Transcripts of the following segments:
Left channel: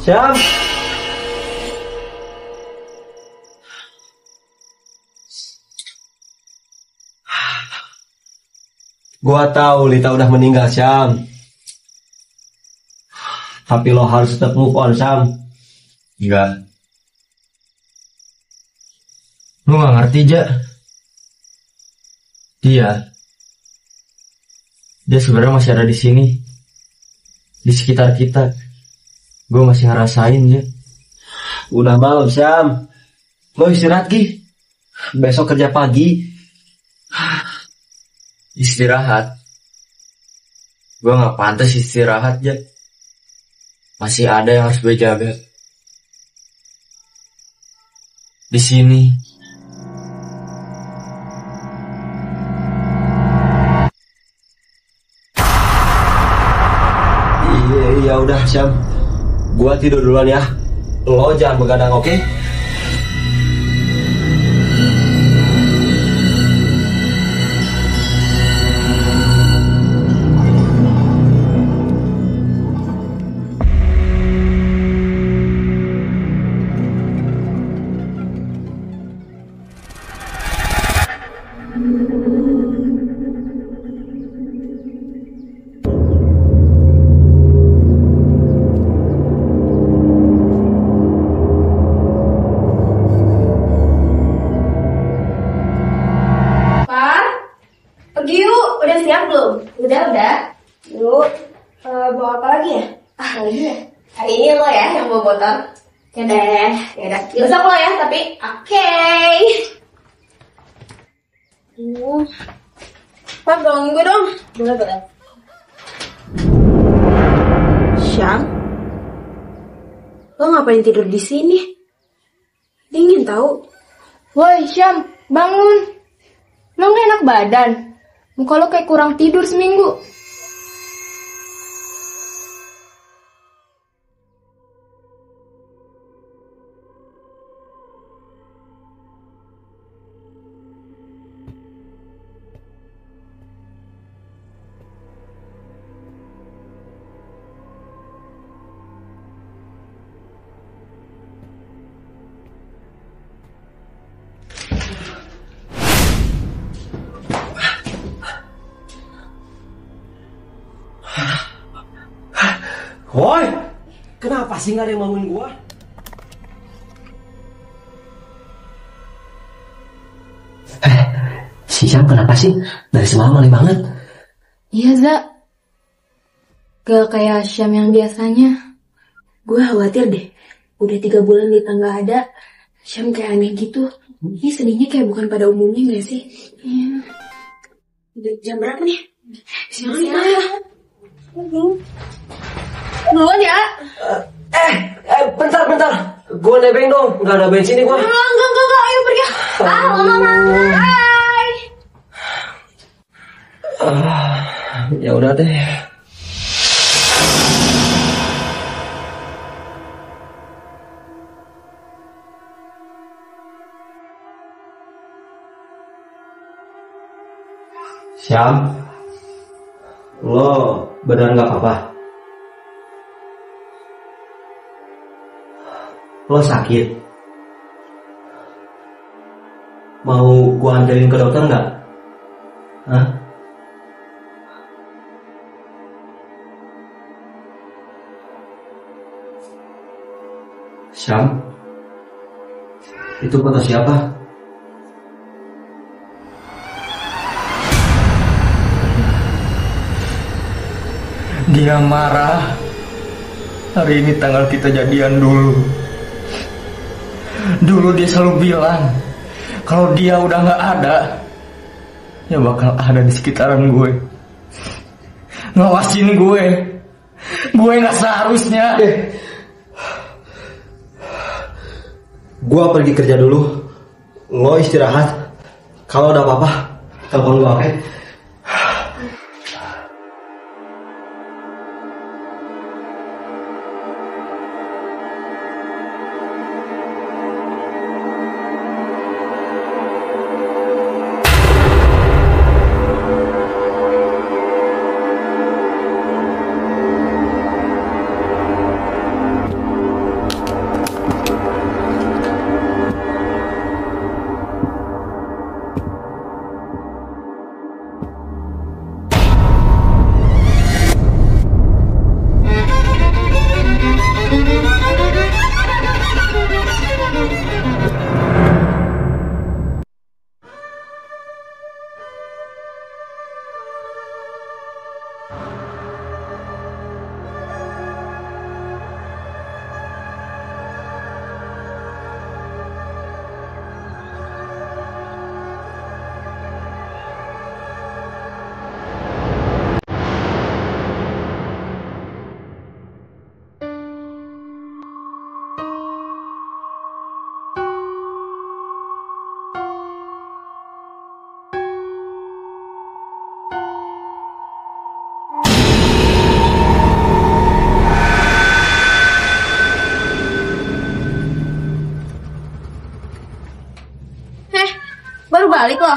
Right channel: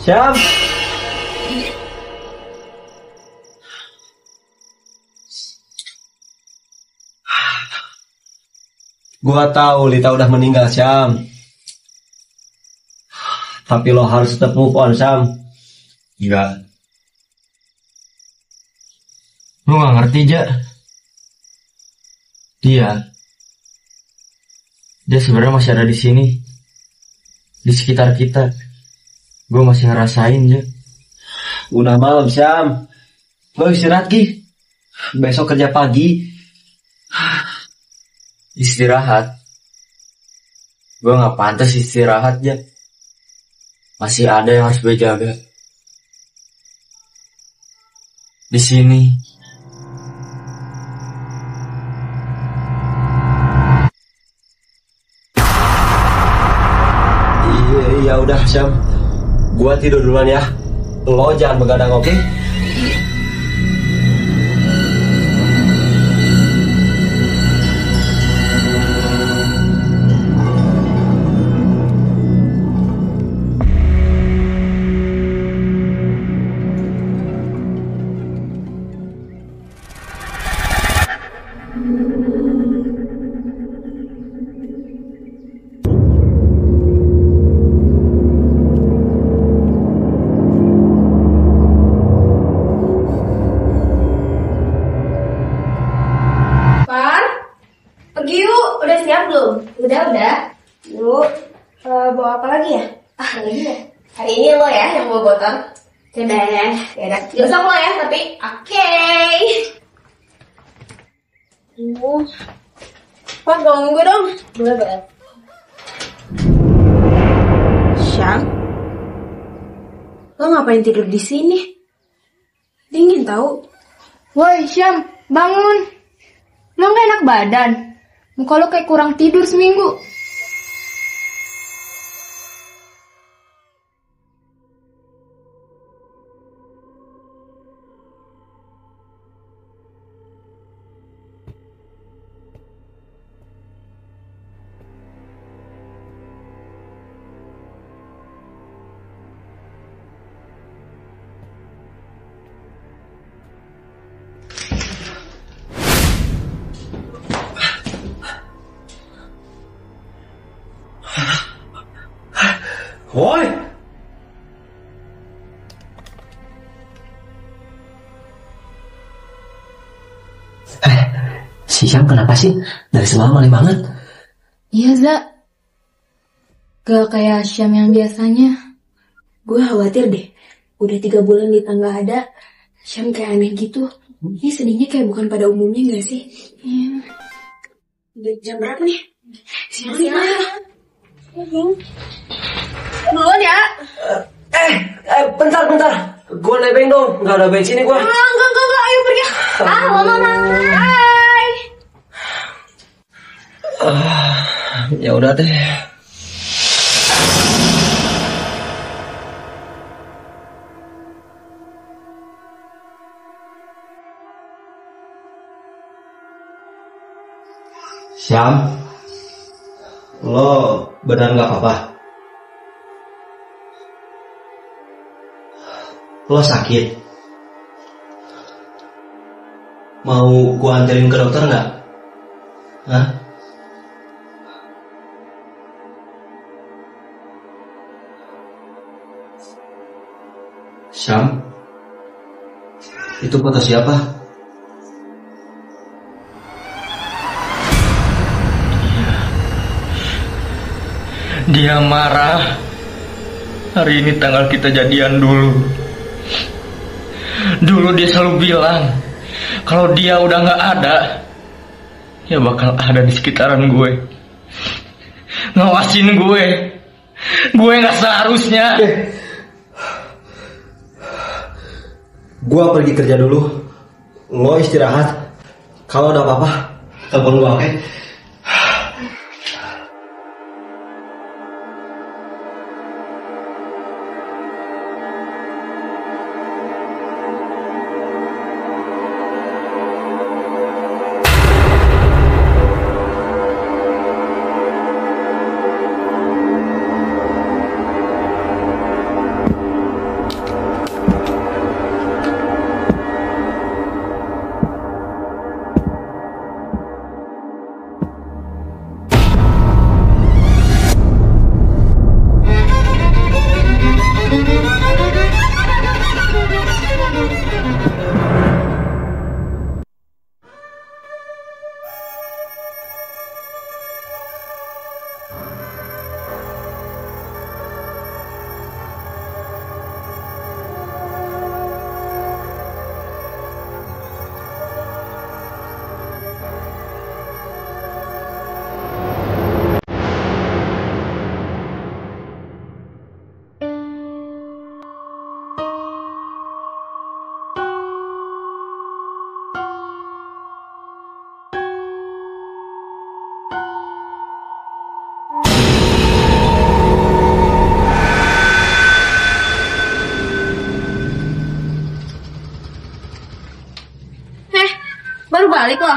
Syam. Gua tahu Lita udah meninggal, Syam. Tapi lo harus tetap move on, Syam. Enggak. Lu gak ngerti, Ja. Dia sebenarnya masih ada di sini. Di sekitar kita. Gue masih ngerasain, Ja. Udah malam, Syam. Lo istirahat, Gi. Besok kerja pagi. Istirahat. Gue gak pantas istirahat, Ja. Masih ada yang harus gue jaga. Di sini. Iya udah, Syam. Gua tidur duluan ya. Lo jangan begadang, oke? Pergi yuk, udah siap belum? Udah. Yuk, bawa apa lagi ya? Lagi ya? Hari ini lo ya yang bawa botol. Oke deh. Besok lo ya, tapi oke. Pak, ganggu dong. Boleh. Syam, lo ngapain tidur di sini? Dingin tau. Woi Syam, bangun. Lo gak enak badan. Muka lo kayak kurang tidur seminggu. Woi, kenapa sih gak ada yang bangunin gua? Si Syam kenapa sih? Dari semalam aneh banget. Iya Za, gak kayak Syam yang biasanya. Gue khawatir deh, udah 3 bulan Lita gak ada, Syam kayak aneh gitu. Ini sedihnya kayak bukan pada umumnya gak sih? Iya. Udah jam berapa nih? Siang. Duluan ya. Bentar. Gua nebeng dong, nggak ada bensin nih gua. Enggak, ayo pergi. Mama. Hai. Ya udah deh. Syam, lo benar nggak apa-apa? Lo sakit? Mau gua anterin ke dokter nggak? Hah? Syam, itu foto siapa? Dia marah. Hari ini tanggal kita jadian dulu. Dulu dia selalu bilang kalau dia udah gak ada, ya bakal ada di sekitaran gue, ngawasin gue. Gue gak seharusnya. Gua pergi kerja dulu. Lo istirahat. Kalau ada apa-apa, telepon gua, oke? Baru balik loh.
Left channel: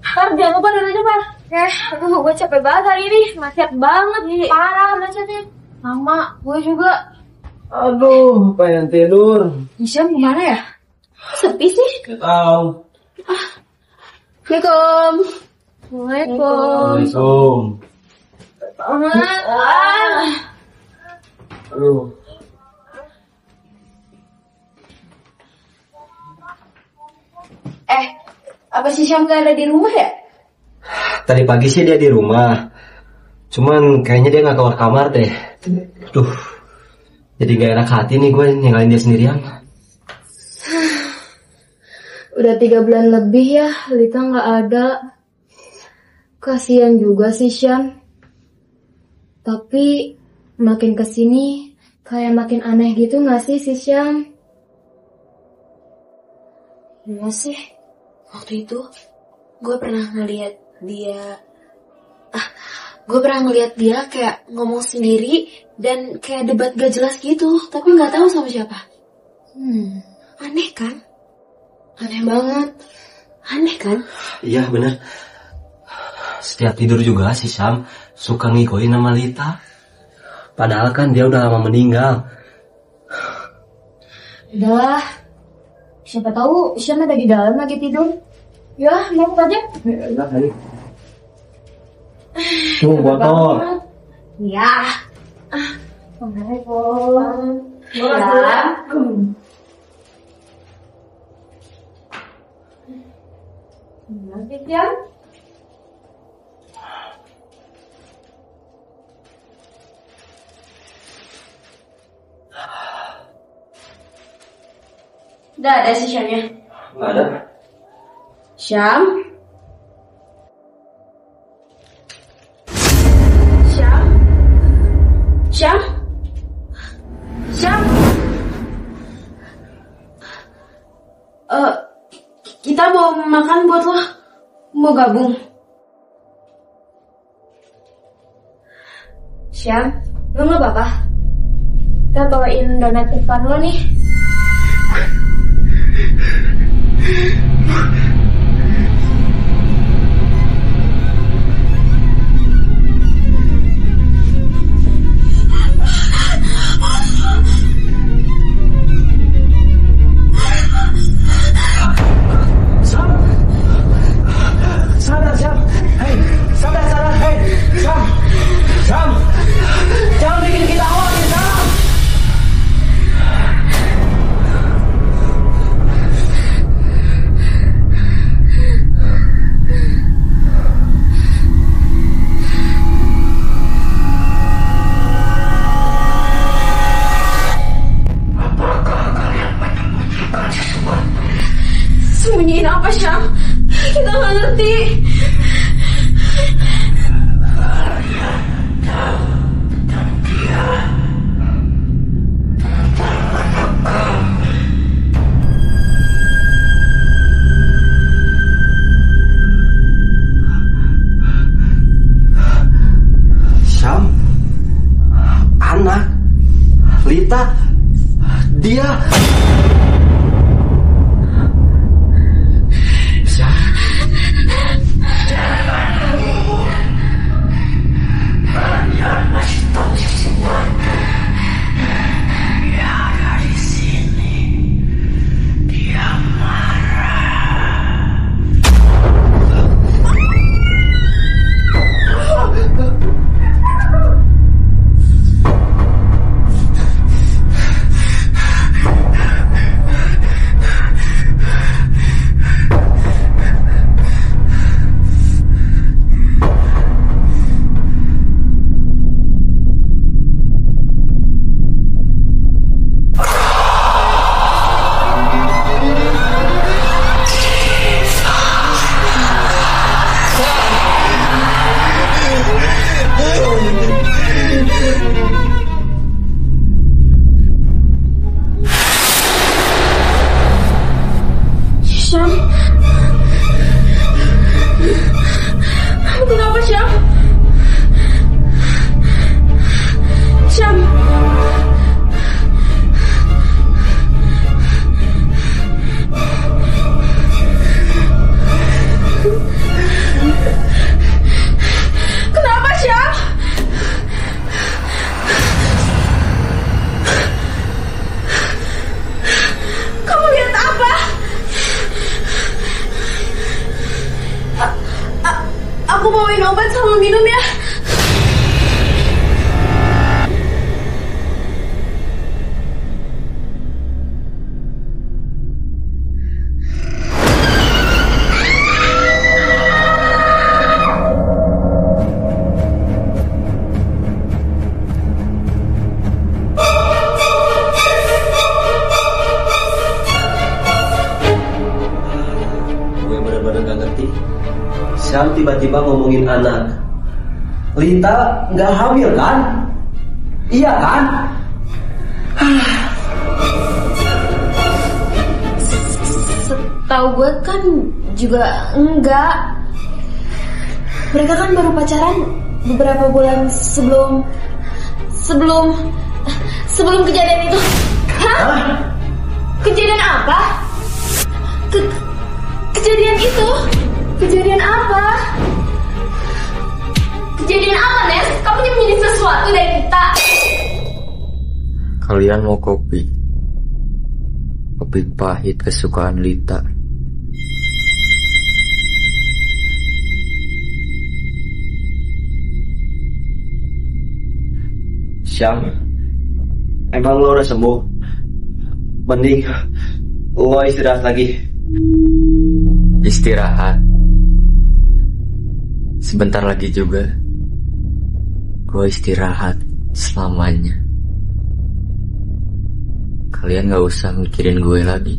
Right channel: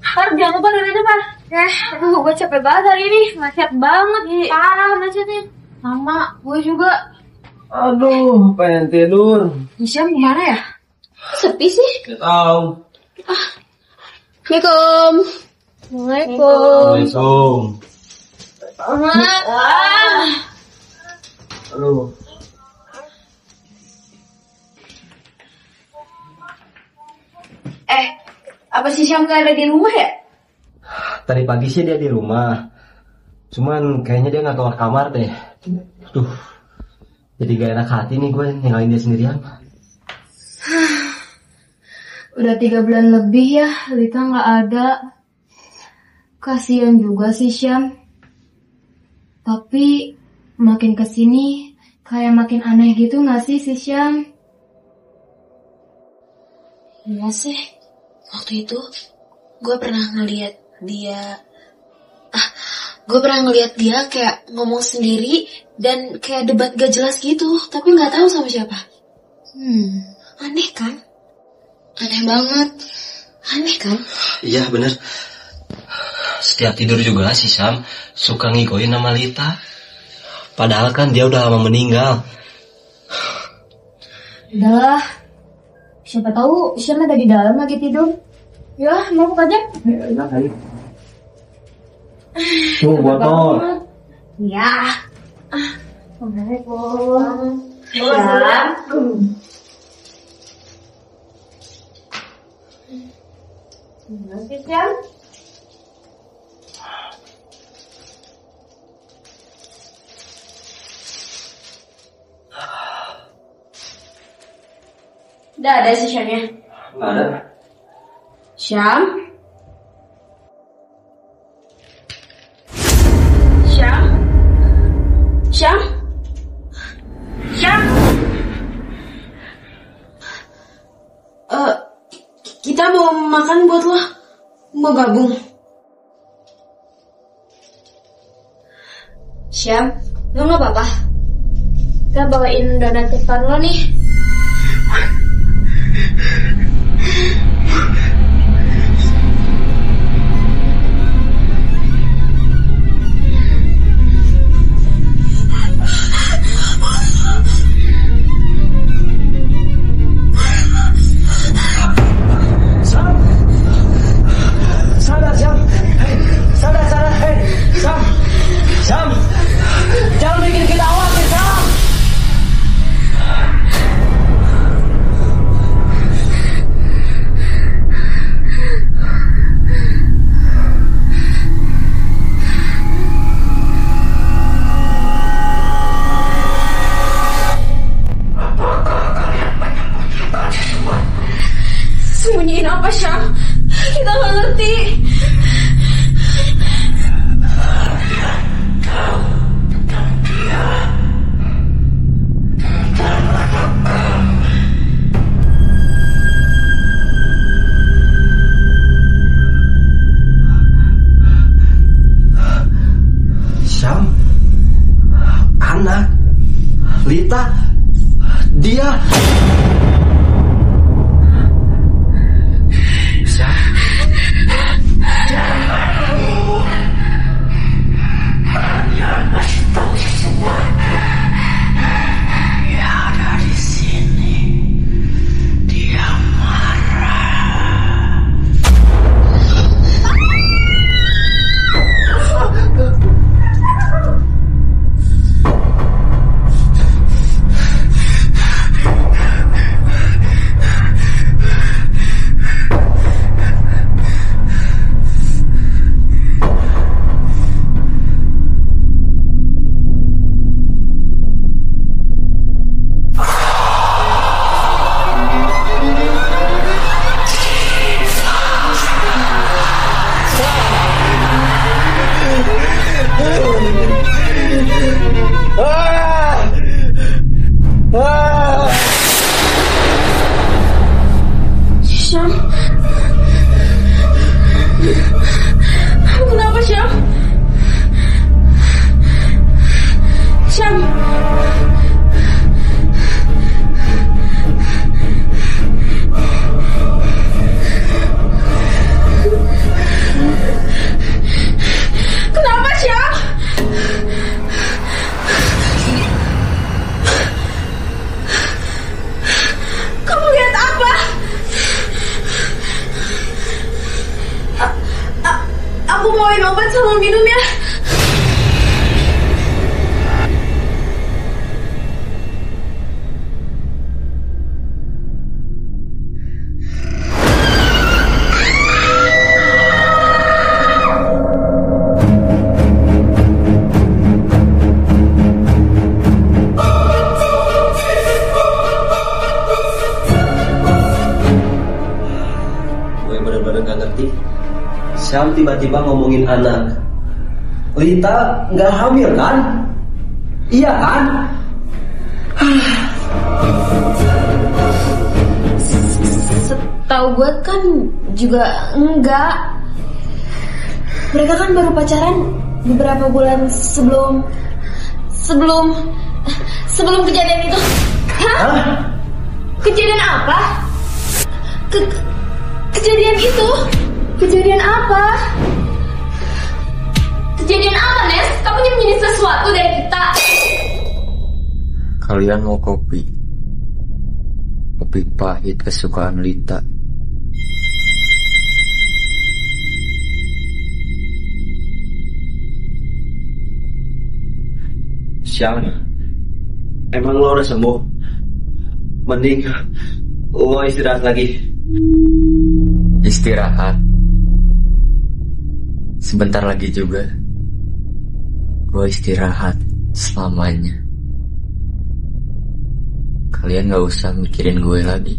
Par, jangan lupa dari Par. Aduh, gue capek banget hari ini. Macet banget, parah macetnya. Sama, gue juga. Aduh, pengen tidur. Isyam kemana ya? Sepi sih. Tahu. Assalamualaikum. Waalaikumsalam. Waalaikumsalam. Aduh. Apa si Syam gak ada di rumah ya? Tadi pagi sih dia di rumah. Cuman kayaknya dia gak keluar kamar deh. Duh, jadi gak enak hati nih gue ninggalin dia sendirian. Udah 3 bulan lebih ya, Lita gak ada. Kasian juga sih Syam. Tapi makin kesini kayak makin aneh gitu gak sih si Syam? Iya sih. Waktu itu gue pernah ngeliat dia kayak ngomong sendiri dan kayak debat gak jelas gitu, tapi nggak tahu sama siapa. Aneh kan? Aneh banget. Aneh kan? Iya bener. Setiap tidur juga si Syam suka ngigoin nama Lita. Padahal kan dia udah lama meninggal. Udah, siapa tahu Syam ada di dalam lagi tidur. Ya, mau buka aja. Enak kali. Tuh botol. Ya. Assalamualaikum. Ya. Nanti Syam. Udah ada si Syamnya. Nggak ada. Syam? Syam? Syam? Syam? Kita bawa makan buat lo. Mau gabung? Syam, lo gak apa-apa? Kita bawain donat kesukaan lo nih. Sadar, Syam. Hei, sadar, hei, Syam. Syam, jangan bikin kita khawatir, Syam. Apakah kalian menyembunyikan sesuatu? Sembunyiin apa, Syam? Kita gak ngerti. Kalian tahu tentang dia, tentang anak kami. Syam, anak, Lita, dia. Syam, Kalian masih tahu sesuatu. Dia ada di sini. Dia marah. Syam? Kamu kenapa, Syam? Syam? Kenapa, Syam? Kamu lihat apa? Aku bawain obat sama minum ya. gue bener-bener gak ngerti. Syam tiba-tiba ngomongin anak. Lita nggak hamil kan? Iya kan? Setahu gue kan juga enggak. Mereka kan baru pacaran beberapa bulan sebelum kejadian itu. Hah? Kejadian apa? Kejadian itu? Kejadian apa? Kejadian apa, Nes? Kamu nyembunyi sesuatu dari kita. Kalian mau kopi? Kopi pahit kesukaan Lita. Syam, emang lo udah sembuh? Mending lo istirahat lagi. Istirahat. Sebentar lagi juga gue istirahat selamanya. Kalian gak usah mikirin gue lagi.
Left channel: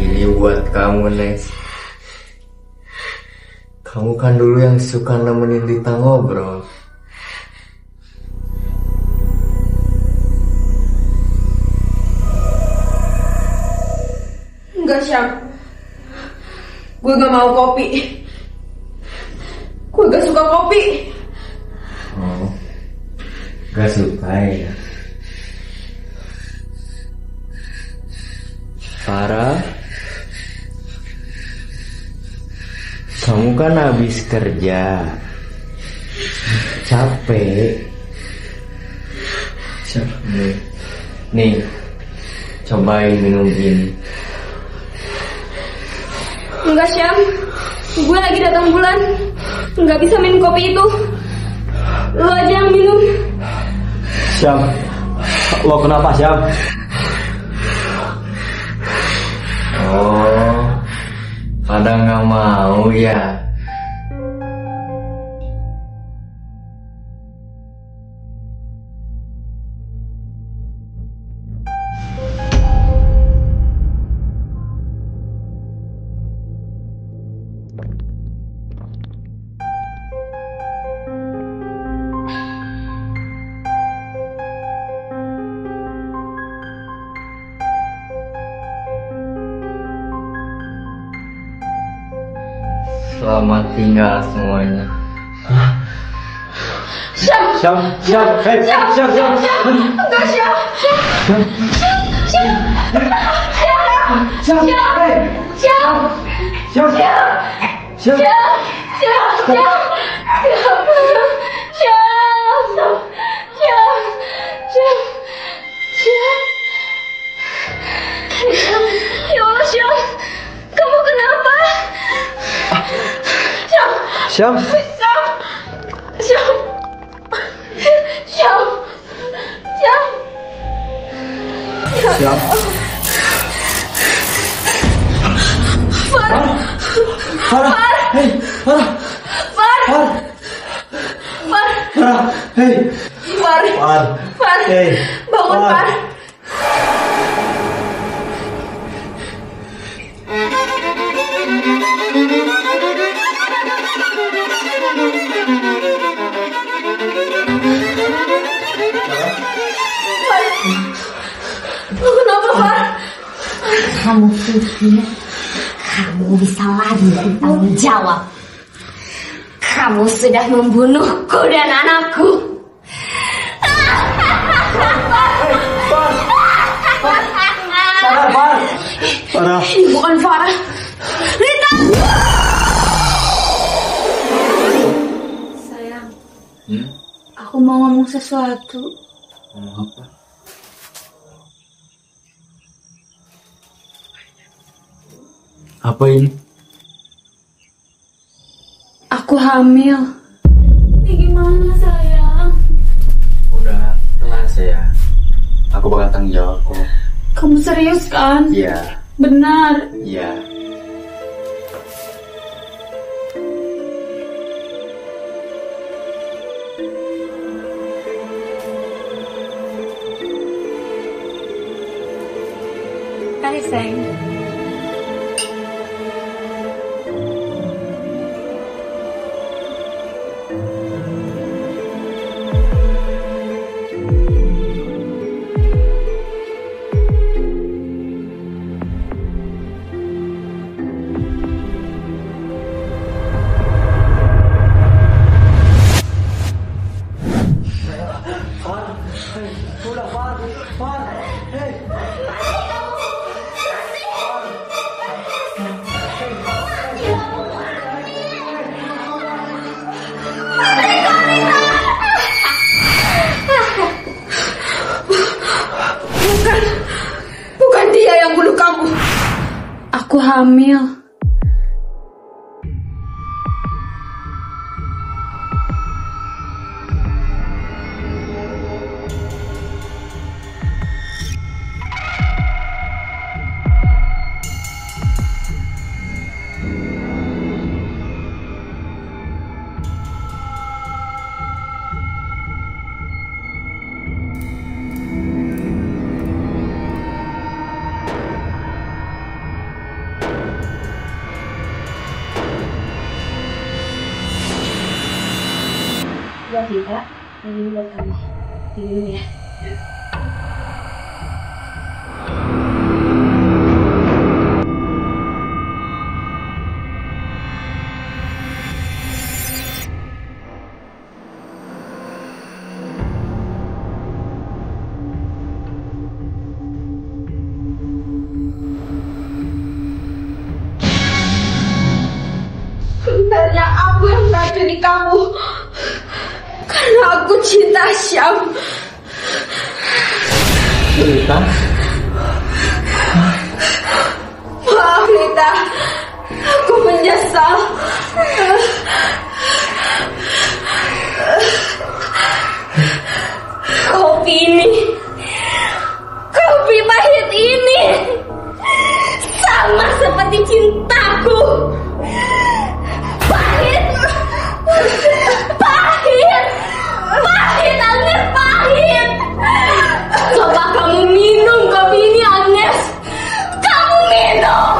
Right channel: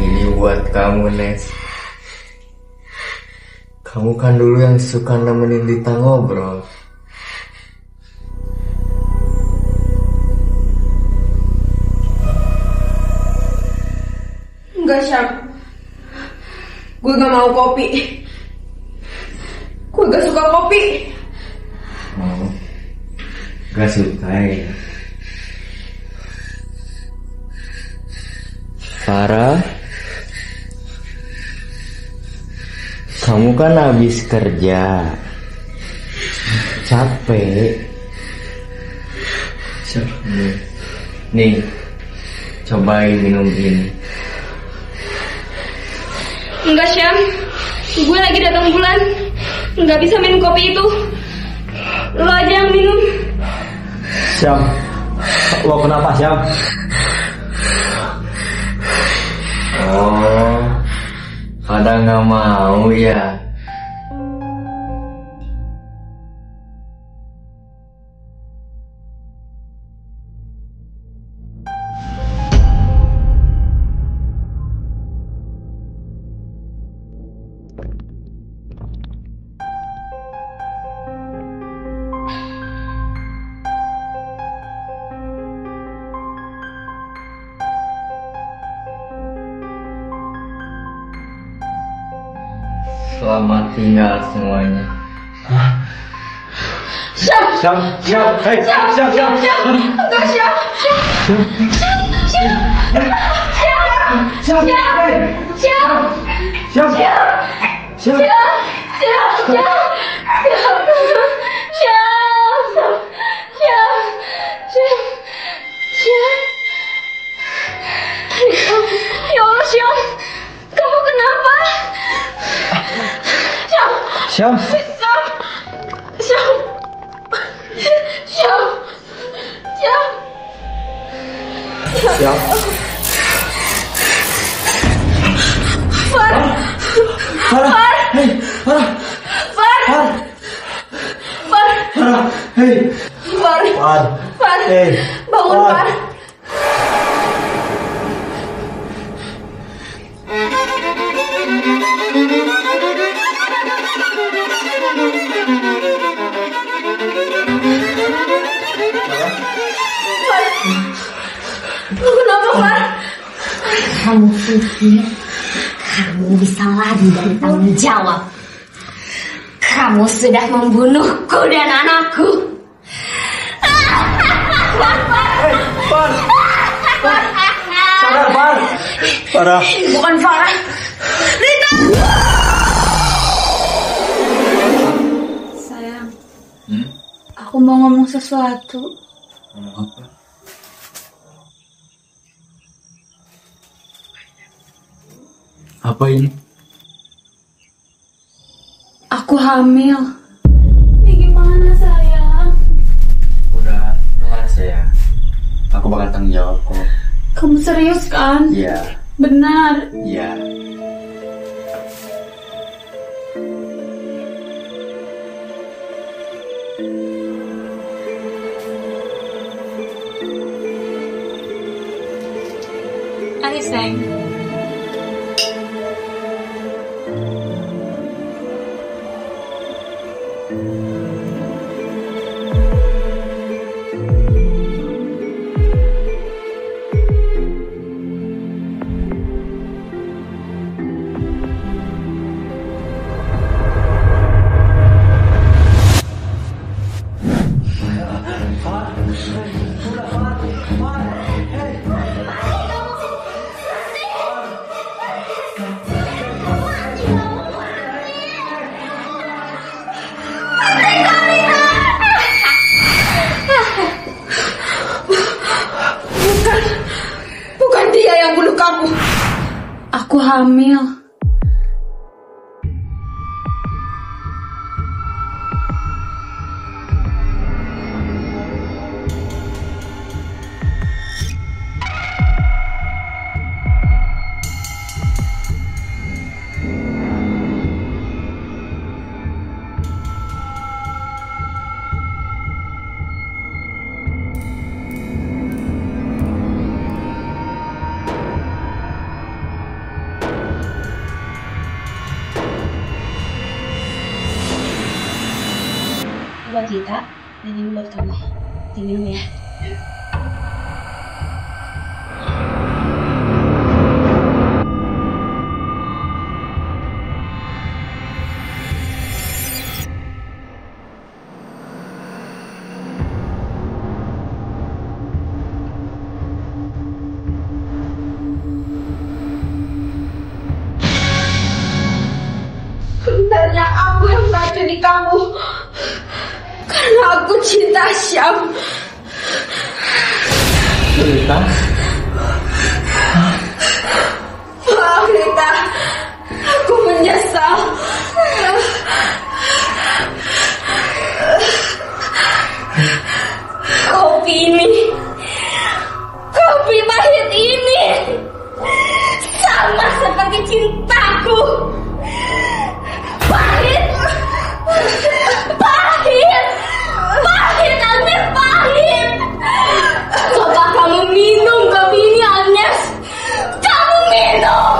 Ini buat kamu, Nes. Kamu kan dulu yang suka nemenin Lita ngobrol. Enggak, Syam. Gue gak mau kopi. Gue gak suka kopi. Oh, gak suka ya. Sarah, kamu kan habis kerja, capek. Nih, cobain minum ini. Enggak, Syam. Gue lagi datang bulan. Nggak bisa minum kopi itu. Lo aja yang minum. Syam, lo kenapa Syam? Oh, pada nggak mau ya? Selamat tinggal semuanya. Syam, Syam, Syam, Syam. Enggak, Syam. Ya Allah, Syam. Kamu kenapa? Syam. Farah, hei, Farah. Farah, hei. Far, Hei, bangun, Far. Kenapa, Far? Kamu pikir kamu bisa lari dari tanggung jawab? Kamu sudah membunuhku dan anakku. Sadar, Far. Farah. Ini bukan Farah. Rita. Sayang, aku mau ngomong sesuatu. Ngomong apa? Apa ini? Aku hamil. Ini gimana, sayang? Udah, tenang ya. Aku bakal tanggung jawab kok. Kamu serius kan? Iya, Benar. iya. Ayo, sayang. Bukan dia yang bunuh kamu. Aku hamil. buat Lita dan ini buat kamu. Diminum ya. Sebenarnya aku yang meracuni kamu. Karena aku cinta Syam. Lita? Maaf Lita, aku menyesal. Kopi ini, kopi pahit ini, sama seperti cintaku. Pahit, pahit, pahit, Agnes, pahit. Coba kamu minum kopi ini, Agnes. Kamu minum.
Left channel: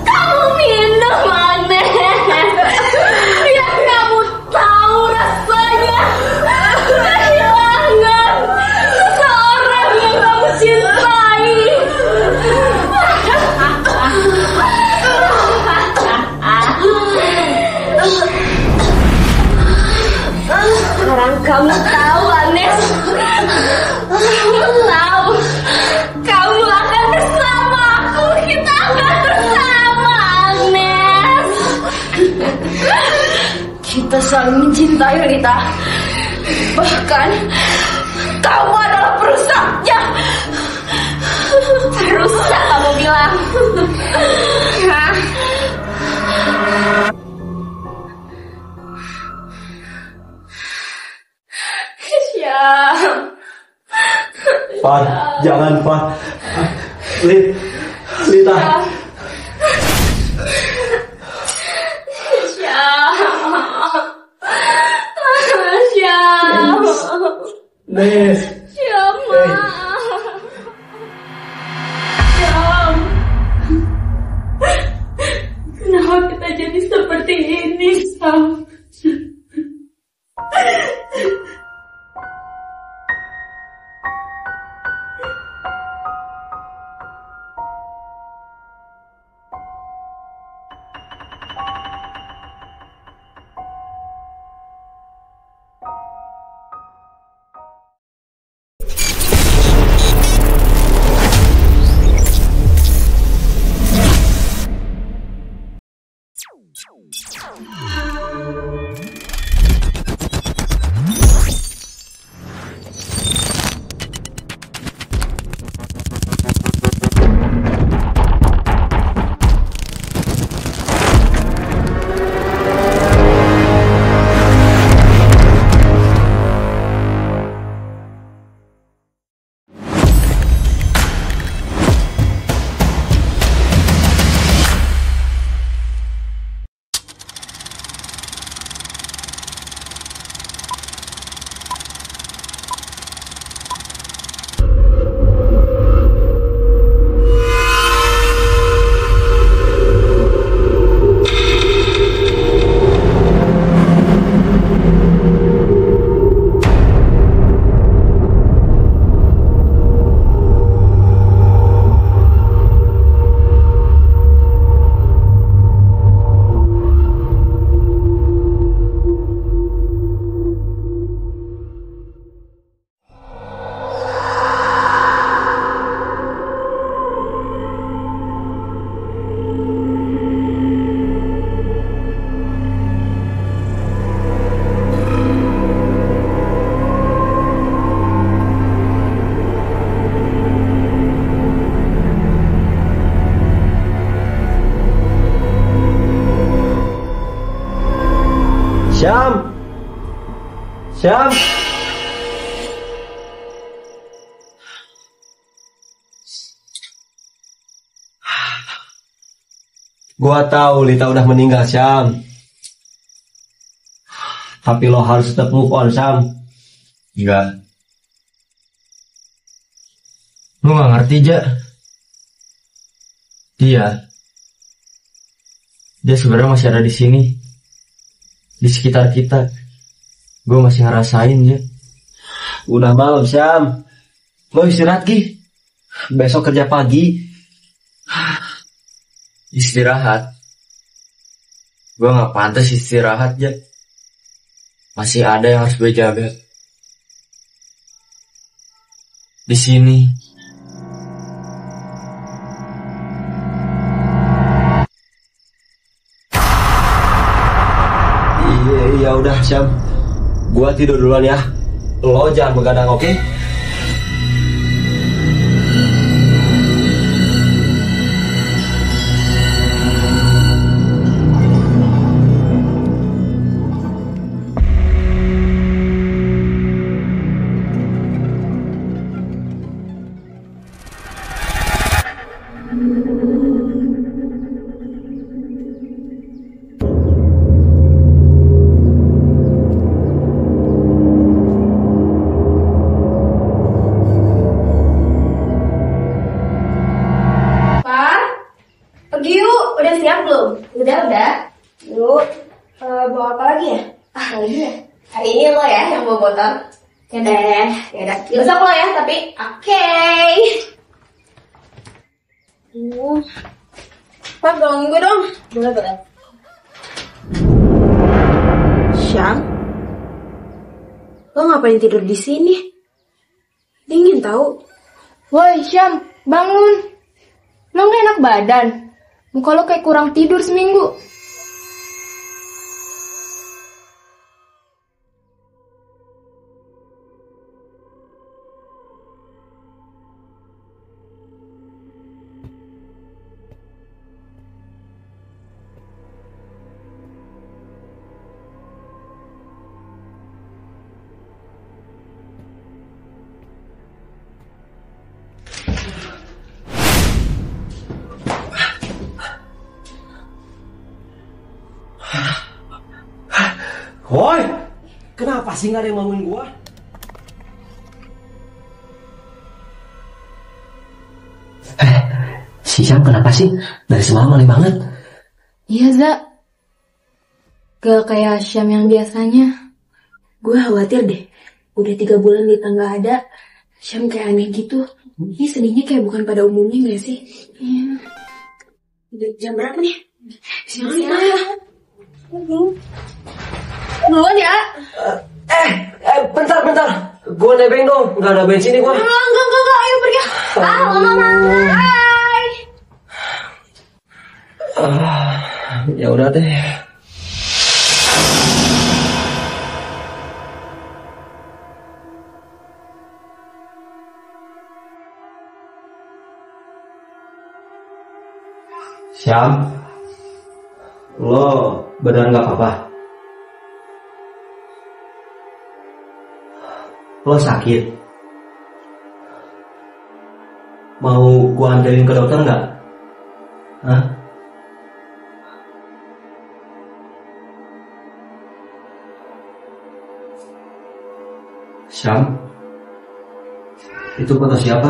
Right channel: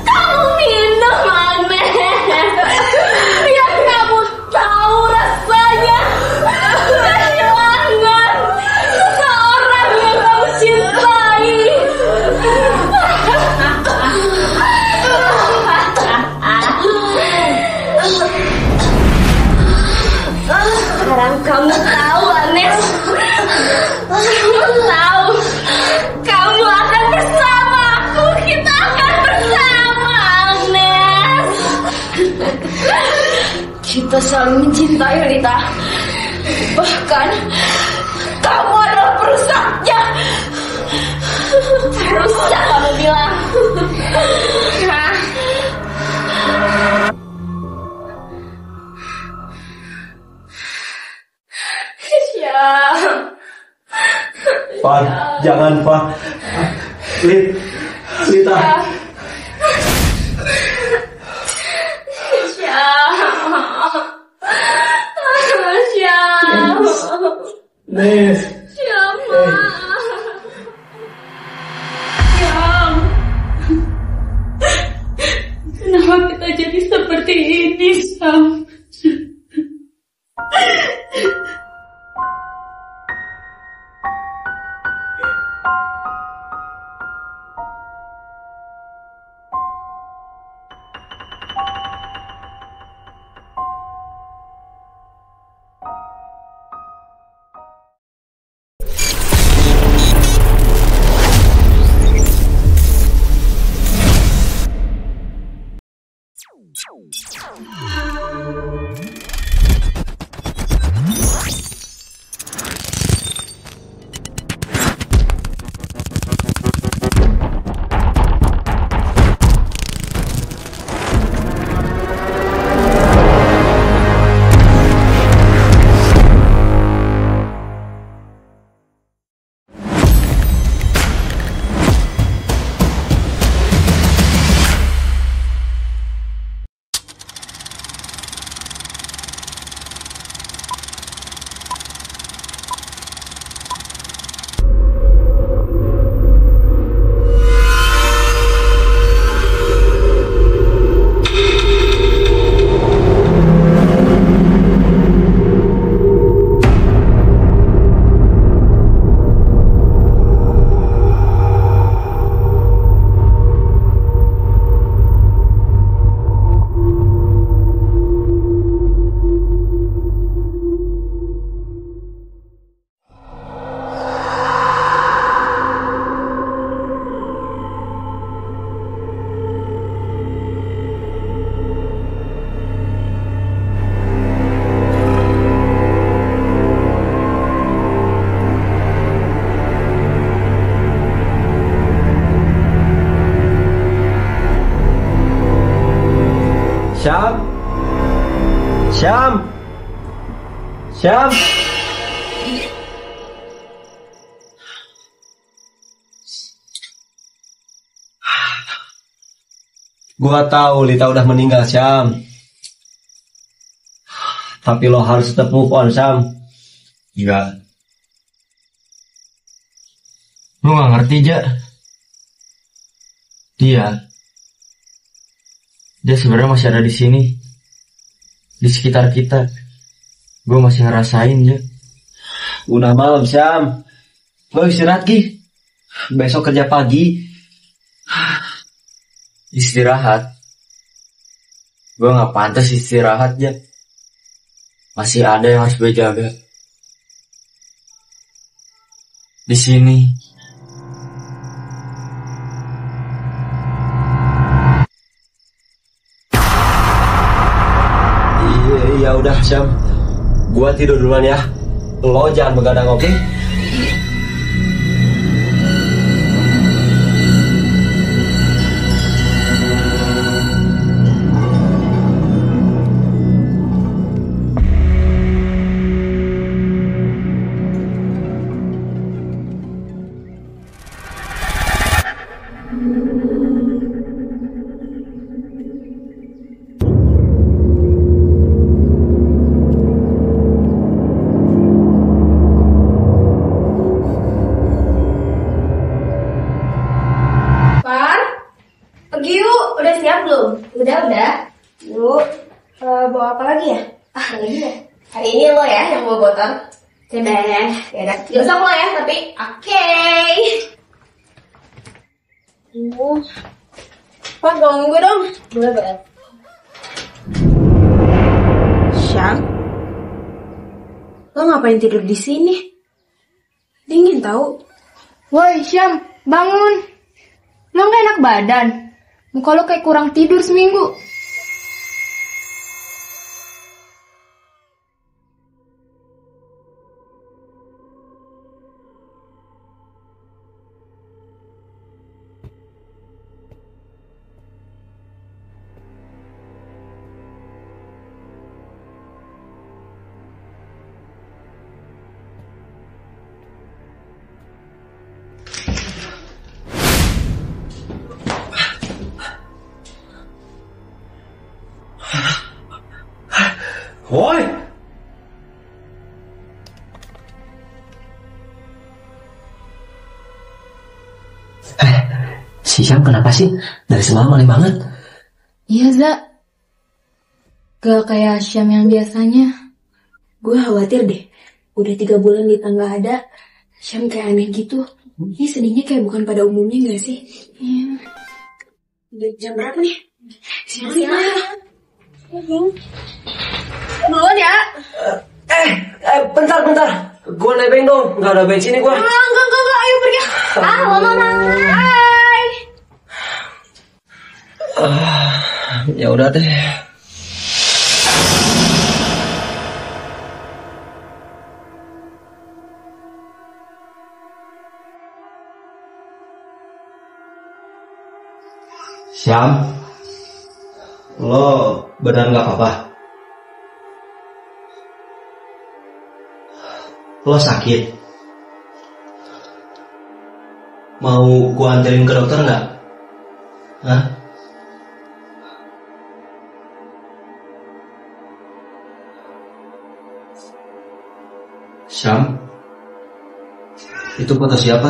Kamu minum, Agnes. Biar kamu tahu rasanya kehilangan seseorang yang kamu cintai. Sekarang kamu tahu, Agnes. Kamu tahu. Kamu akan bersama aku. Kita akan bersama, Agnes. Kita saling mencintai, Lita. Bahkan kamu adalah perusaknya. Perusak kamu bilang. Hah? Syam. Pak, jangan Pak. Lita. Syam. Syam. Nes. Syam. Syam. Kenapa kita jadi seperti ini, Syam? Syam. Syam. Gua tahu Lita udah meninggal, Syam. Tapi lo harus tetap move on, Syam. Enggak. Lu gak ngerti, Ja. Dia sebenarnya masih ada di sini. di sekitar kita. Gue masih ngerasain ya. Udah malam, Syam. Lo istirahat, Gi. Besok kerja pagi. Istirahat. Gue nggak pantas istirahat ya. Masih ada yang harus gue jaga. Di sini. Iya udah, Syam. Gua tidur duluan ya. Lo jangan begadang, oke? Pergi yuk, udah siap belum? Udah. Yuk, bawa apa lagi ya? Lagi ya? Hari ini lo ya yang bawa botol. Oke deh, ya besok lo ya, tapi oke. Pak, ganggu dong. Boleh. Syam, lo ngapain tidur di sini? Dingin tau. Woi Syam, bangun. Lo gak enak badan. Muka lo kayak kurang tidur seminggu. Woi, kenapa sih nggak ada yang bangunin gua? Si Syam kenapa sih? Dari semalam aneh banget. Iya, Za. Gak kayak Syam yang biasanya. Gue khawatir deh. Udah 3 bulan kita nggak ada. Syam kayak aneh gitu. Ini sedihnya kayak bukan pada umumnya gak sih? Udah jam berapa nih? Siang. Duluan ya. Bentar. Gua nebeng dong. Nggak ada bensin nih gua. Enggak. Ayo pergi. Mama. Bye. Ya udah deh. Syam, lo benar nggak apa-apa? Lo sakit? Mau gua anterin ke dokter nggak? Hah? Syam, itu foto siapa?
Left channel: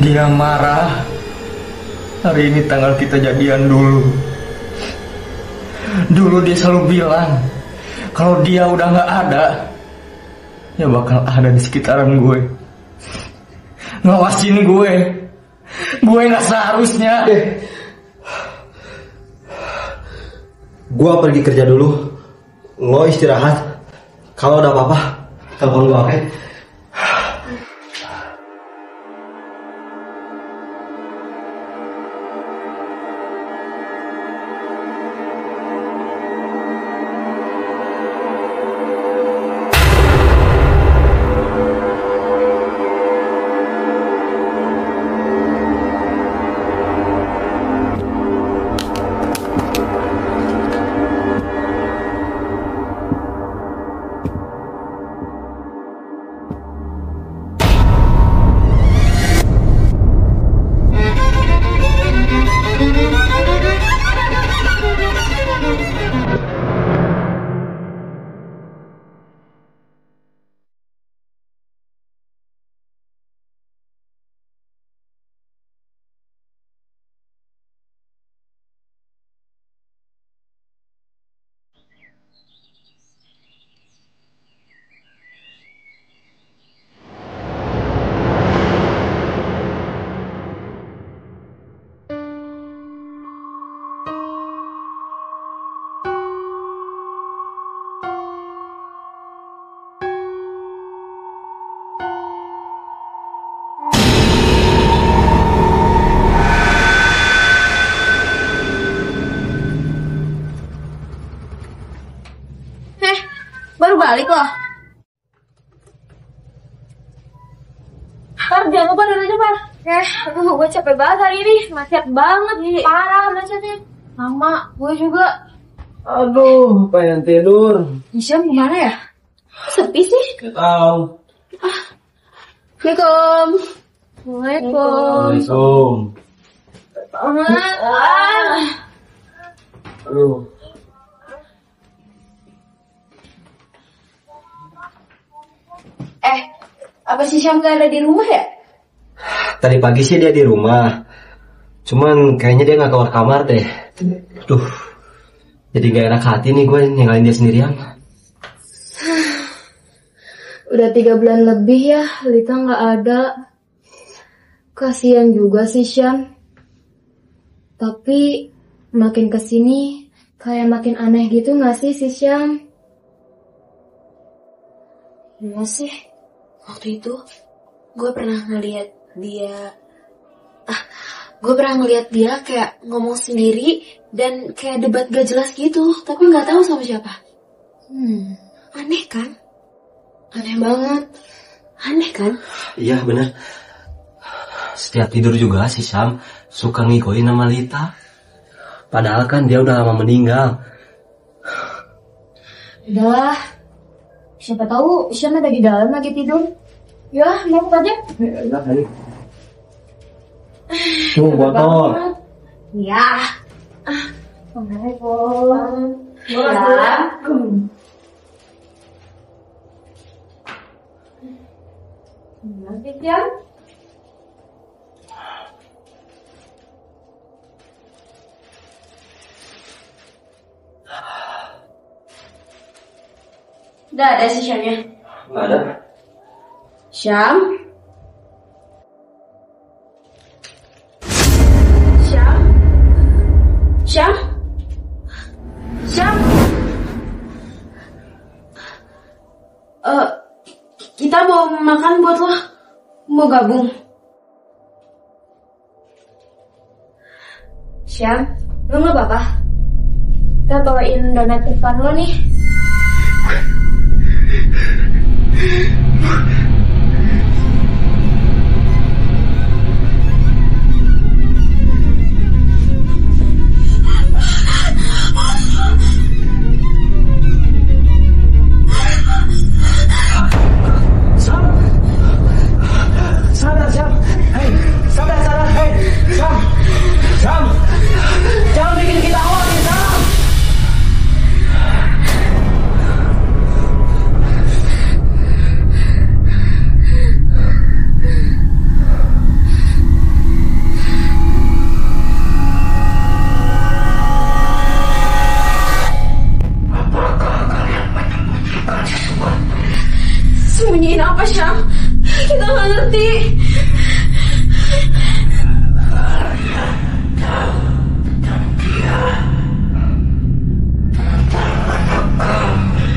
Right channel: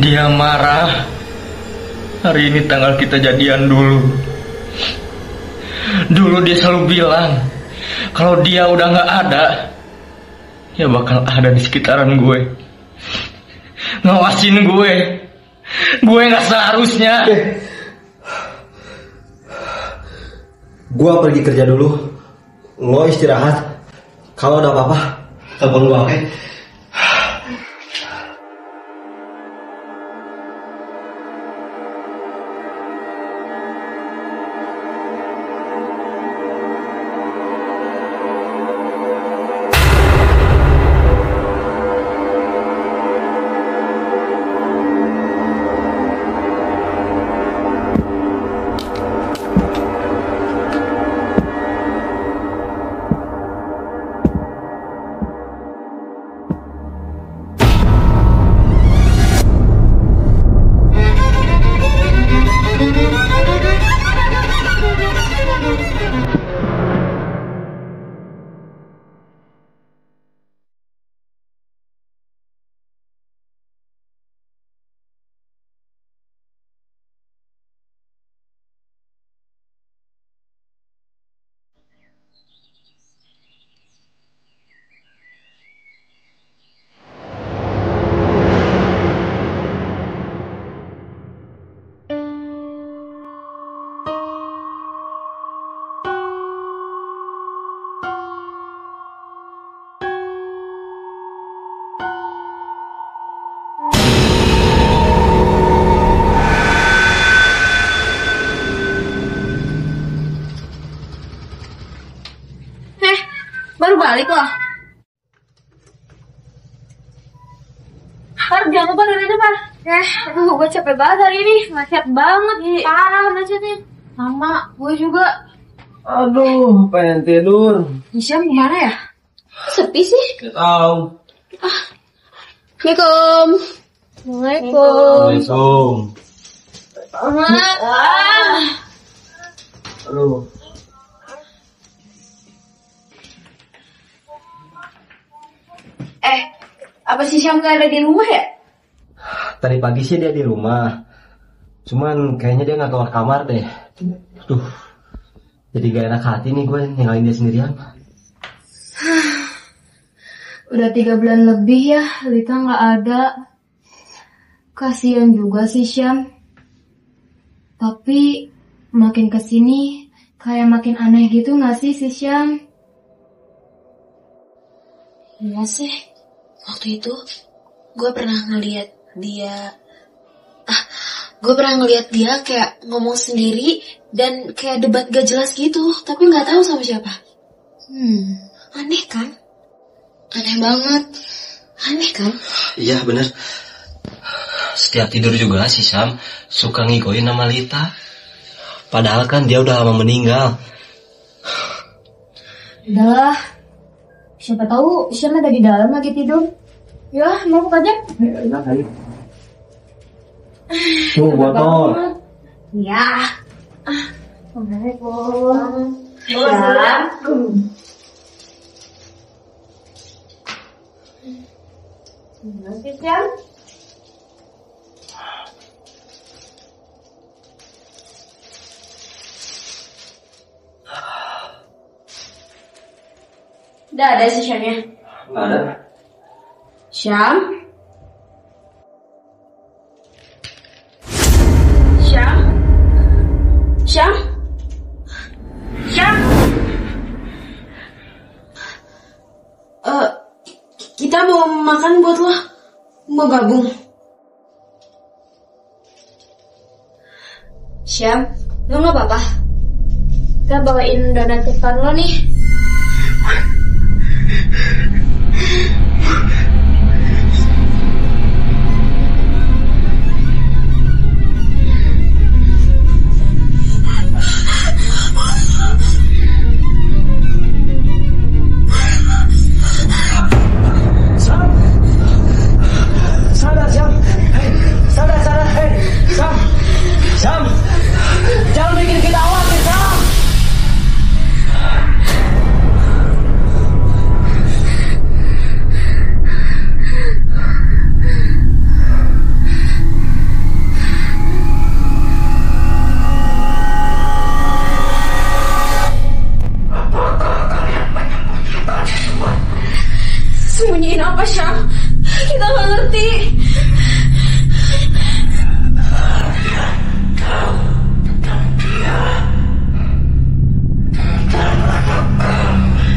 Dia marah. Hari ini tanggal kita jadian dulu. Dulu dia selalu bilang kalau dia udah gak ada, ya bakal ada di sekitaran gue, ngawasin gue. Gue gak seharusnya. Gua pergi kerja dulu. Lo istirahat. Kalau ada apa-apa, telepon gua, oke? balik loh. Par, jangan lupa dengerin Par. Aduh, gue capek banget hari ini. Macet banget. Parah macetnya. Lama, gue juga. Aduh, pengen tidur. Hisyam kemana ya? Sepi sih. Tahu. Assalamualaikum. Waalaikumsalam. Aduh. Apa sih Syam gak ada di rumah ya? Tadi pagi sih dia di rumah. Cuman kayaknya dia nggak keluar kamar deh. Duh. Jadi gak enak hati nih gue ninggalin dia sendirian. Udah 3 bulan lebih ya, Lita nggak ada. Kasian juga sih Syam. Tapi makin kesini kayak makin aneh gitu nggak sih si Syam? Iya sih. Waktu itu gue pernah ngeliat dia. Gue pernah ngeliat dia kayak ngomong sendiri dan kayak debat gak jelas gitu, tapi nggak tahu sama siapa. Aneh kan? Aneh banget. Aneh kan? Iya bener. Setiap tidur juga si Sam suka ngigoin nama Lita. Padahal kan dia udah lama meninggal. Udah. Siapa tahu Syam ada di dalam lagi tidur. Ya, mau aja. Enak kali. Tuh botol. Ya. Assalamualaikum. Syam. Masih Syam? Udah ada sih Syamnya. Nggak ada. Syam? Syam? Syam? Syam? Kita mau makan buat lo. Mau gabung? Syam, lo nggak apa-apa? Kita bawain donat kesukaan lo nih. Sam, jangan bikin kita khawatir, Sam. Apakah kalian menyembunyikan sesuatu? Sembunyiin apa, Syam? Kita nggak ngerti. Kalian tahu tentang dia, tentang anak kami.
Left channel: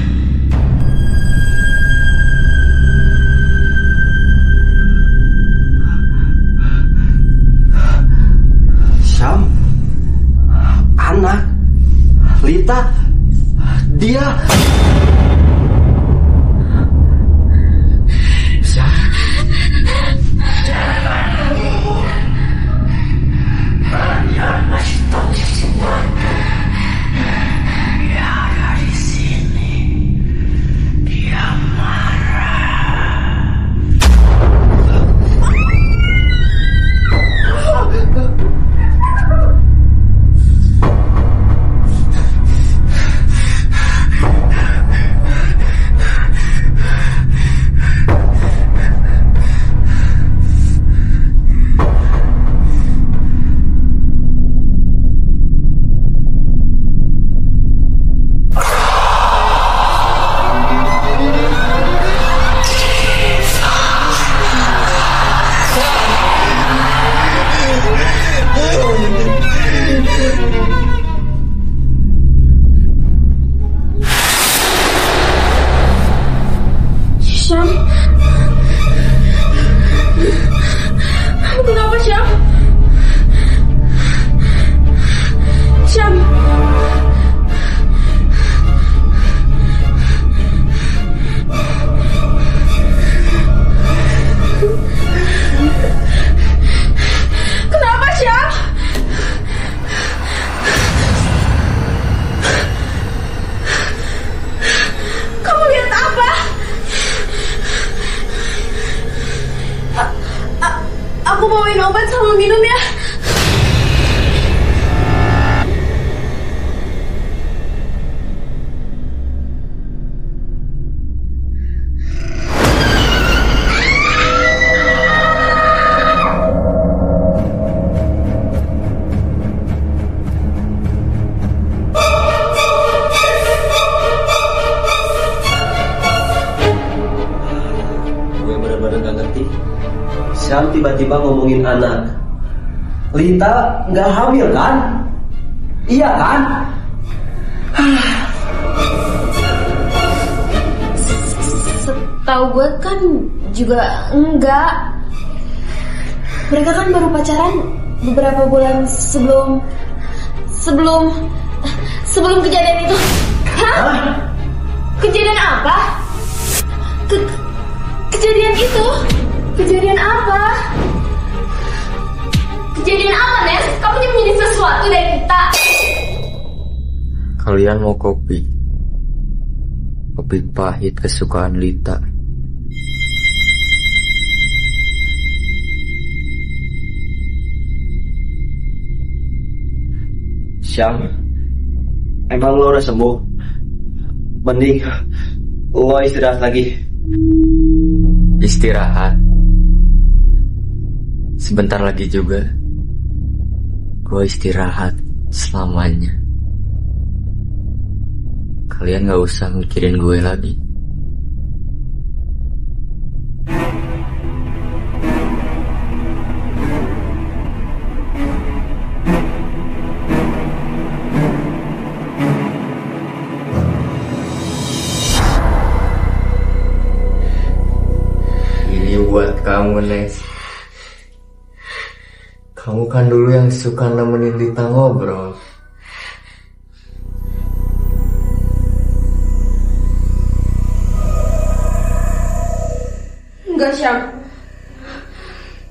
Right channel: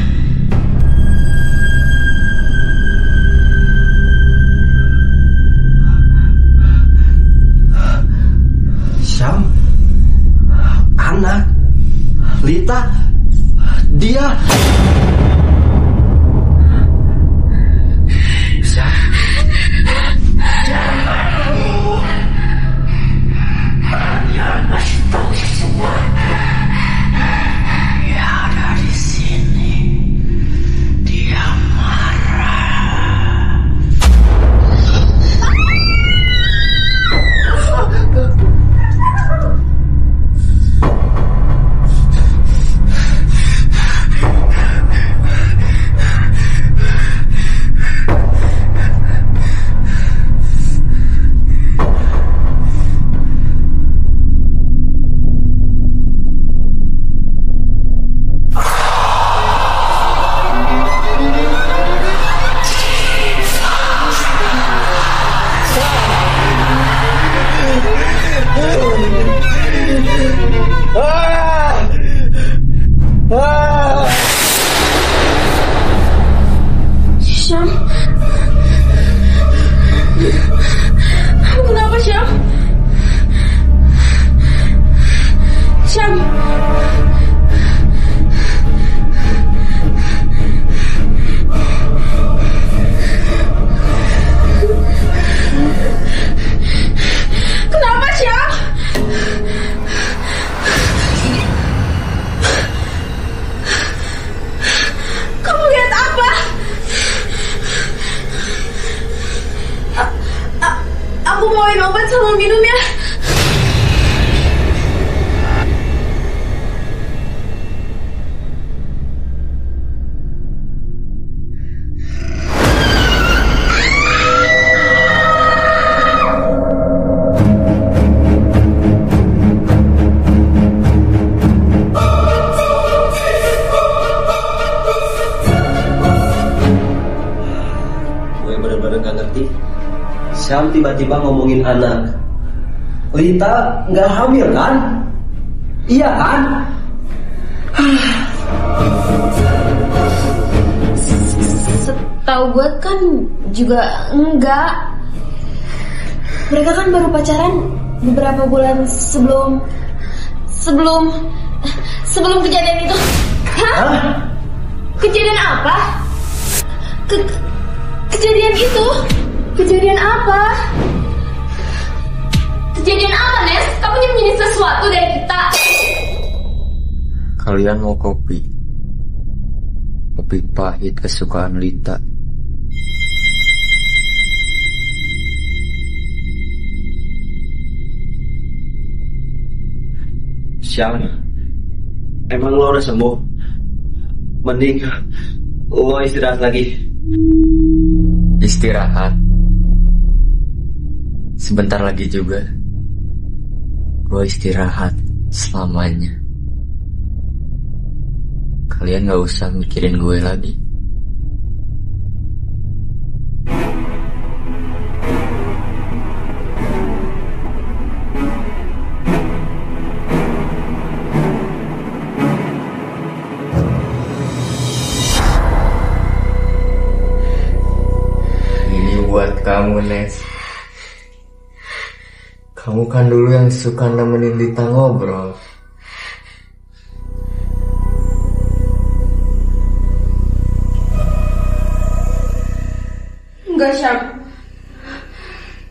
Syam, anak, Lita, dia. Kalian masih tahu sesuatu. Dia ada di sini. Dia marah. Syam? Kenapa, Syam? Syam? Aku bawain obat sama minum ya. Gue bener-bener gak ngerti. Syam tiba-tiba ngomongin anak. Lita nggak hamil kan? Iya kan? Setahu gue kan juga enggak. Mereka kan baru pacaran beberapa bulan sebelum kejadian itu. Hah? Kejadian apa? Kejadian itu? Kejadian apa? Kejadian apa, Nes? Kamu nyembunyi sesuatu dari kita. Kalian mau kopi? Kopi pahit kesukaan Lita. Syam, emang lo udah sembuh? Mending lo istirahat lagi. Istirahat. Sebentar lagi juga gue istirahat selamanya. Kalian gak usah mikirin gue lagi. Ini buat kamu, Nes. Kamu kan dulu yang suka nemenin Lita ngobrol. Enggak, Syam.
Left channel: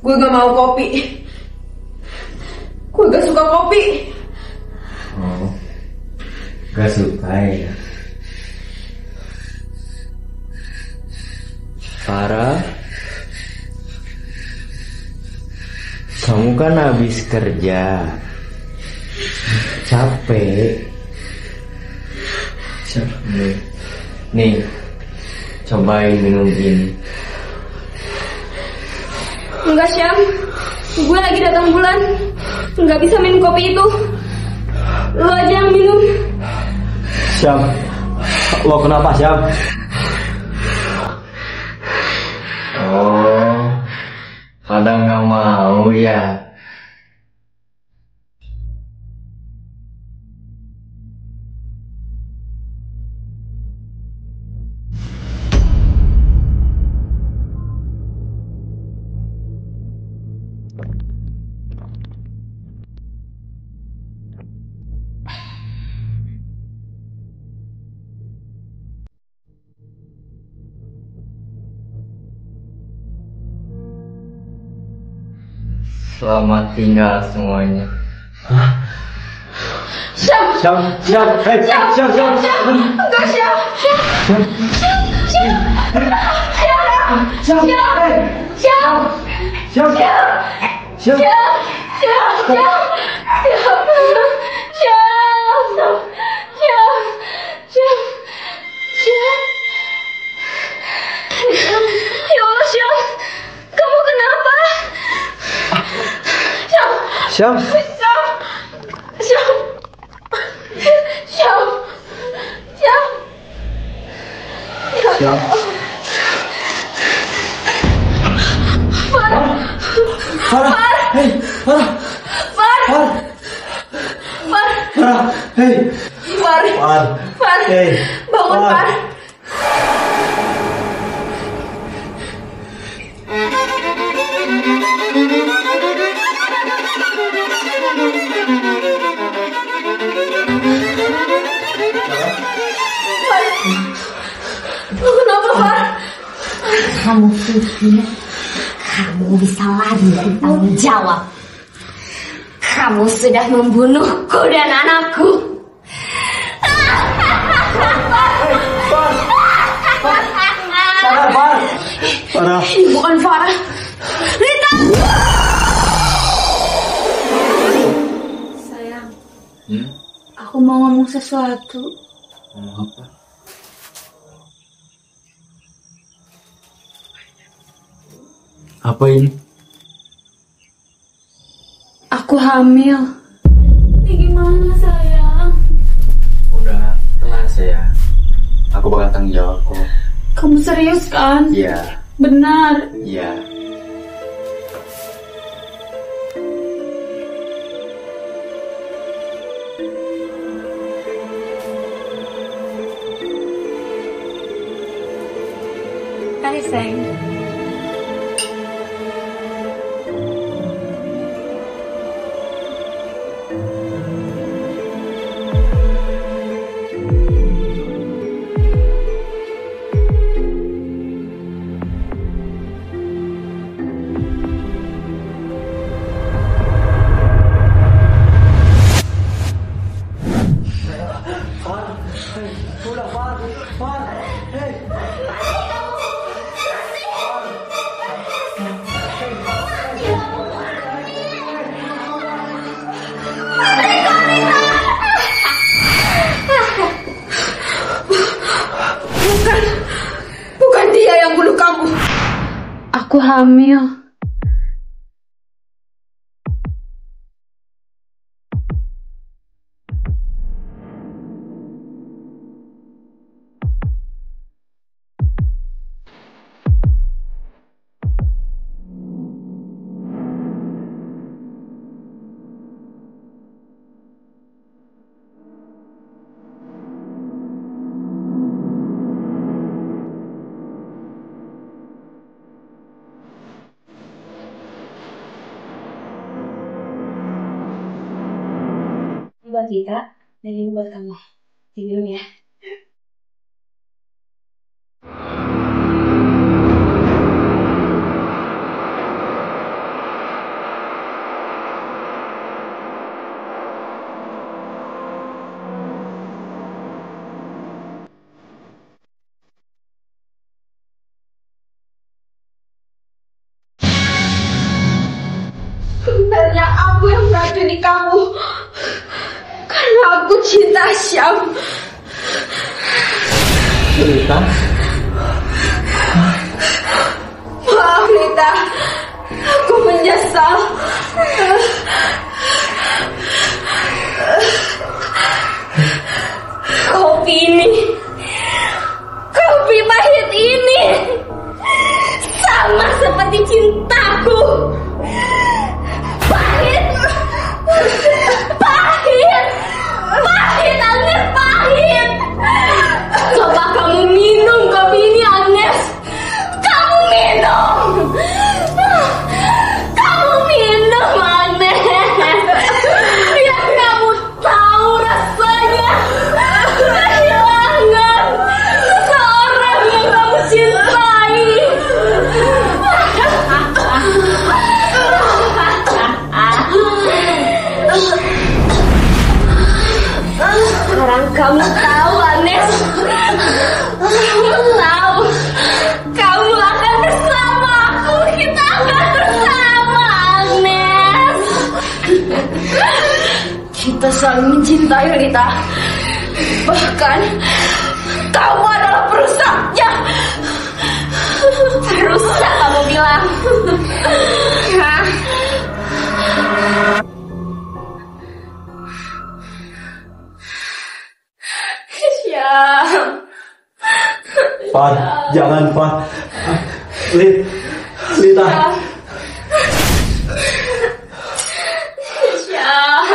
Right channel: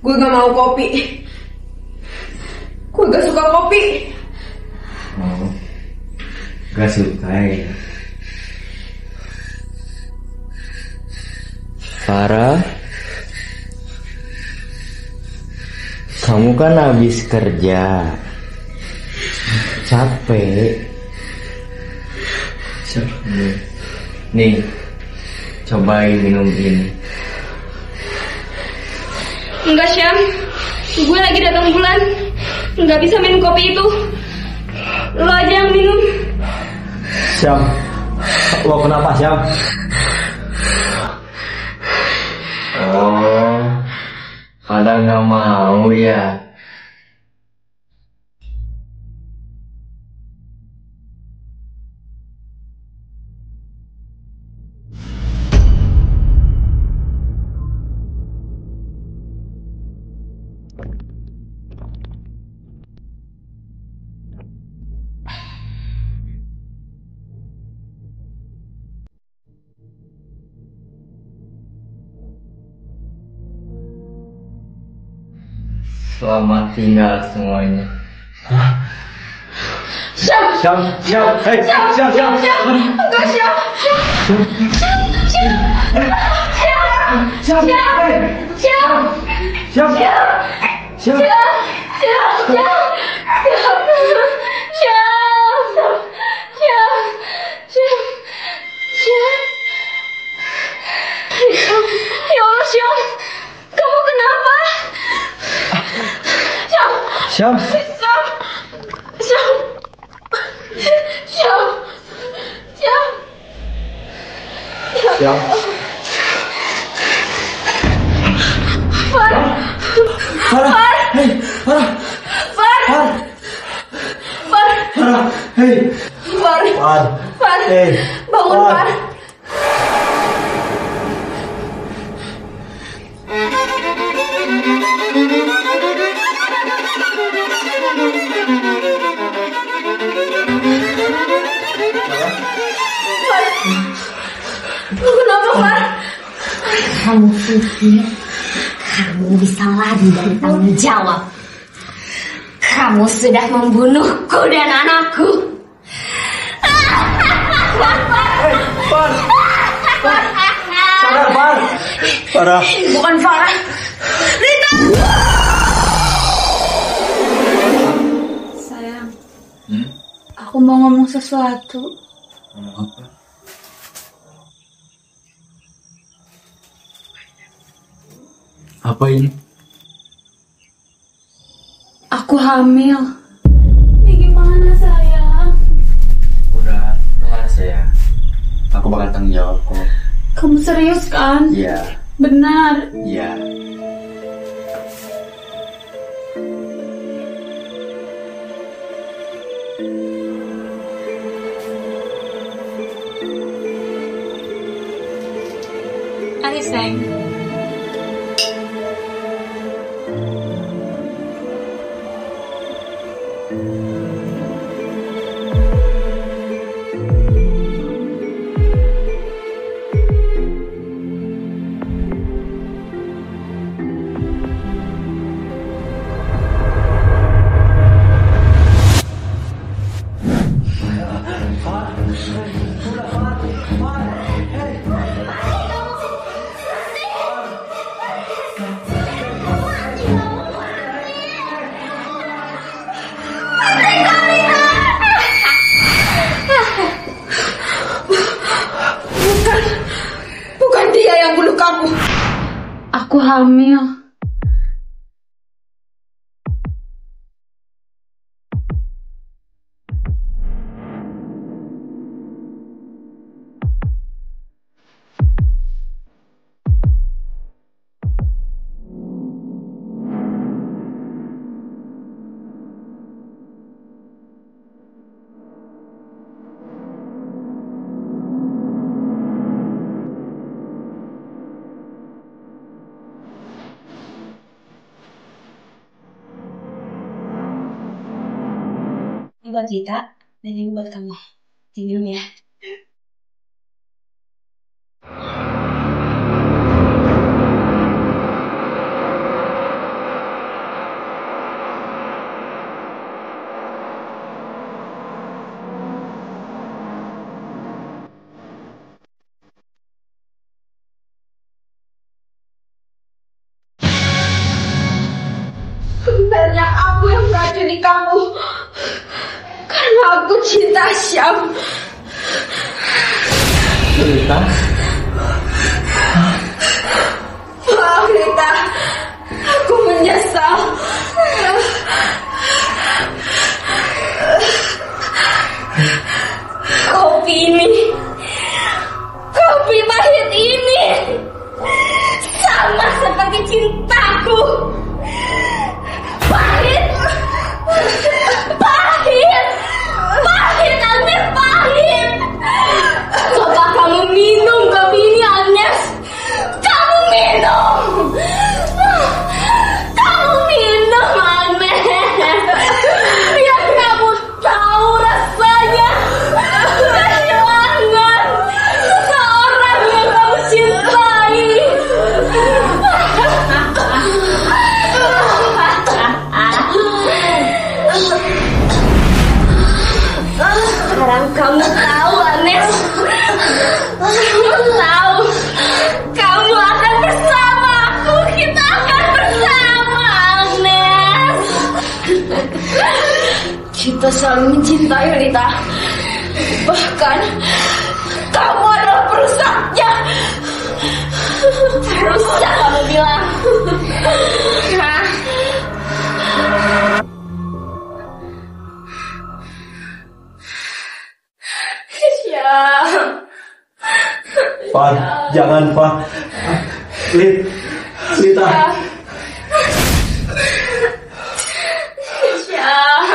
Gue gak mau kopi. Gue gak suka kopi. Oh, gak suka ya? Sarah, kamu kan habis kerja, capek. Nih, cobain minum ini. Enggak, Syam. Gue lagi datang bulan. Nggak bisa minum kopi itu. Lo aja yang minum. Syam, lo kenapa Syam? Oh, pada nggak mau ya? Selamat tinggal semuanya. Syam, Syam, Syam, hey, Syam, Syam, Syam, Syam, enggak, Syam, Syam, Syam, Syam, Syam, hey, Syam, Syam, Syam, ya Allah, Syam, kamu kenapa? Syam, Syam. Farah, hey, Farah, hey, Far, hey, bangun, Far. Lo kenapa, Far? Kamu pikir kamu bisa lari dari tanggung jawab? Kamu sudah membunuhku dan anakku. Farah, Ini bukan Farah. Rita! Aku mau ngomong sesuatu. Ngomong apa? Apa ini? Aku hamil. Ini gimana sayang? Udah, tenang sayang. Aku bakal tanggung jawab kok. Kamu serius kan? Iya. Benar. Iya. Hai sayang. Bukan dia yang bunuh kamu. Aku hamil. Ini buat kita dan ini buat kamu. Diminum ya. Sebenarnya aku yang meracuni kamu. Karena aku cinta Syam. Lita? Maaf Lita, aku menyesal. Kopi pahit ini sama seperti cintaku. Pahit, Agnes, pahit. Coba kamu minum kopi ini, Agnes. Kamu minum, Agnes. Biar kamu tahu rasanya kehilangan seseorang yang kamu cintai. Sekarang kamu tahu, Agnes. Kamu tahu. Kamu akan bersama aku. Kita akan bersama, Agnes. Kita saling mencintai, Lita. Bahkan kamu adalah perusaknya. Perusak kamu bilang. Hah? Syam. Pak, jangan Pak. Lita. Syam.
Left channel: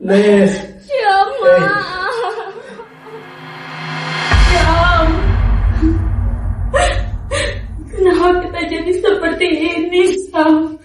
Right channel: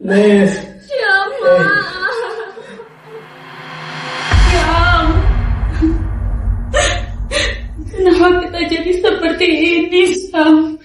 Nis. Syam. Syam. Kenapa kita jadi seperti ini, Syam?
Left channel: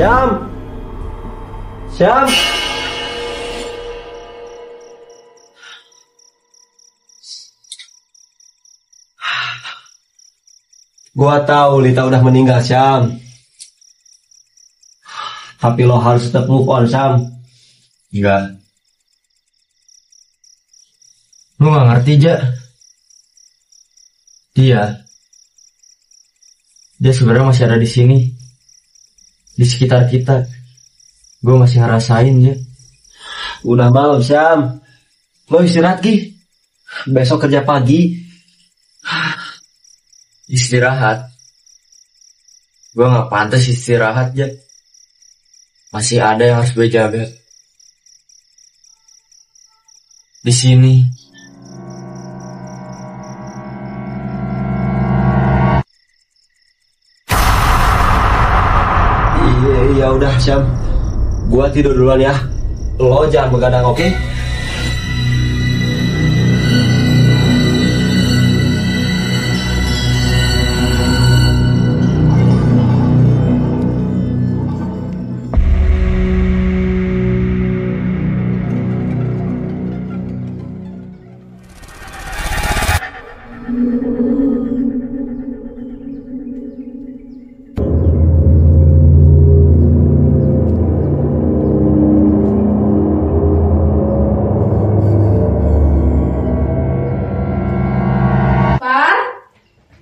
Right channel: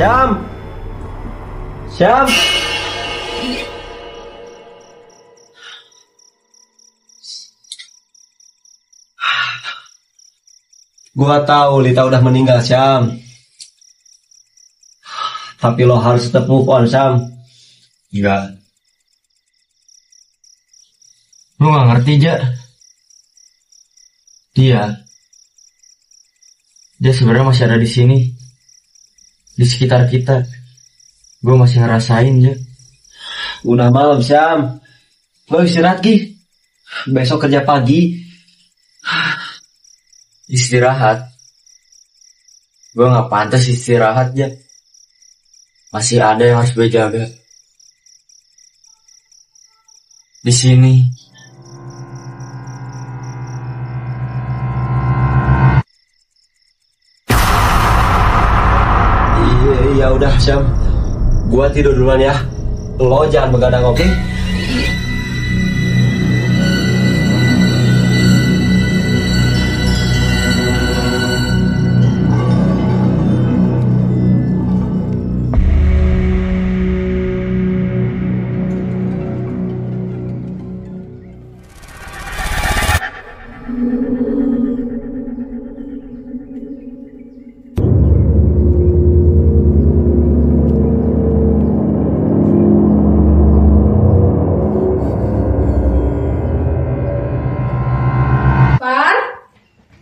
Syam. Syam. Gua tahu Lita udah meninggal, Syam. Tapi lo harus tetap move on, Syam. Enggak. Lu gak ngerti, Ja. Dia sebenarnya masih ada di sini, di sekitar kita. Gue masih ngerasain, Ja. Udah malam, Syam. Lo istirahat, Gi. Besok kerja pagi. Istirahat. Gue gak pantas istirahat, Ja. Masih ada yang harus gue jaga. Di sini. Iya udah, Syam. Gua tidur duluan ya. Lo jangan begadang, oke?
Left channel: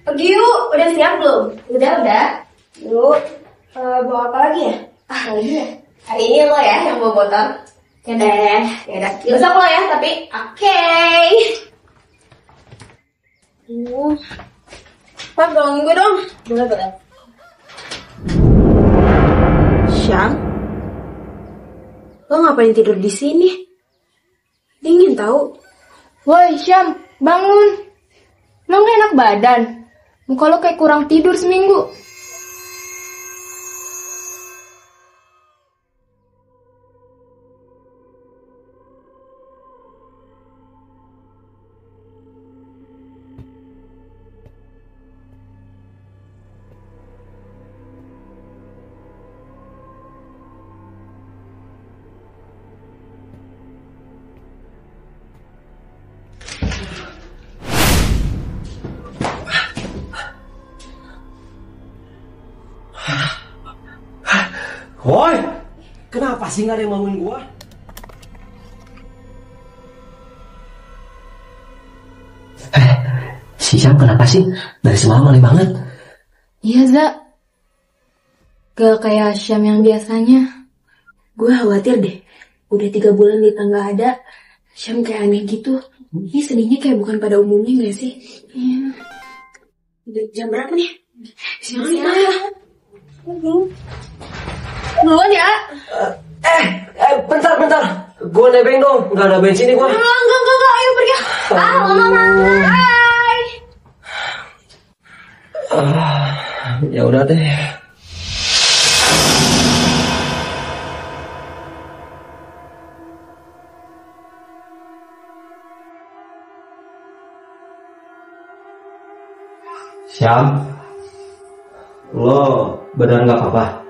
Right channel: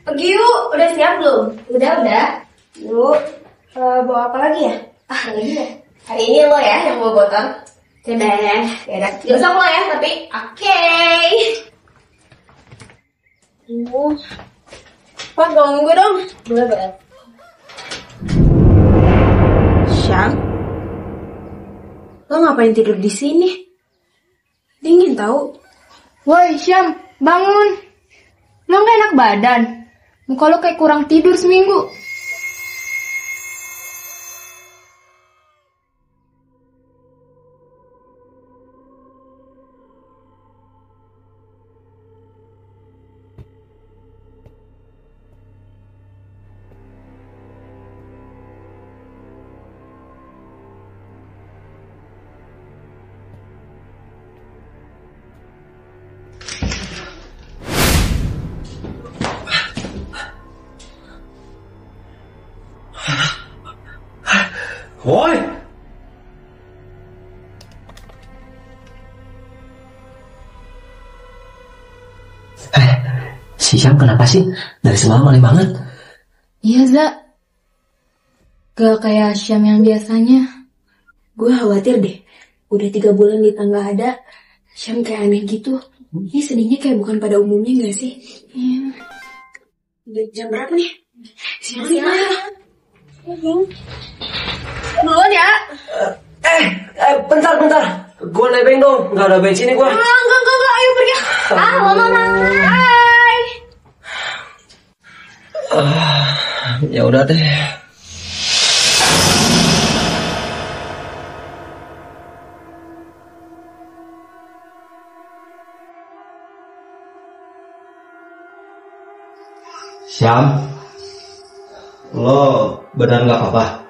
Pergi yuk, udah siap belum? Udah. Yuk, bawa apa lagi ya? Lagi ya? Hari ini lo ya yang bawa botol. Oke deh, yaudah. Besok lo ya, tapi oke. Pak, ganggu dong. Boleh. Syam, lo ngapain tidur di sini? Dingin tahu. Woi, Syam, bangun. Lo gak enak badan? Muka lo kayak kurang tidur seminggu. Woi, kenapa sih gak ada yang bangunin gua? Si Syam kenapa sih? Dari semalam aneh banget. Iya, Za. Gak kayak Syam yang biasanya. Gue khawatir deh. Udah 3 bulan Lita gak ada. Syam kayak aneh gitu. Ini sedihnya kayak bukan pada umumnya gak sih? Iya. Udah jam berapa nih? Siang ya. Duluan ya. Bentar. Gua nebeng dong, gak ada bensin nih gua. Enggak, ayo pergi. Mama. Bye. Ya udah deh. Syam, lo benar nggak apa-apa?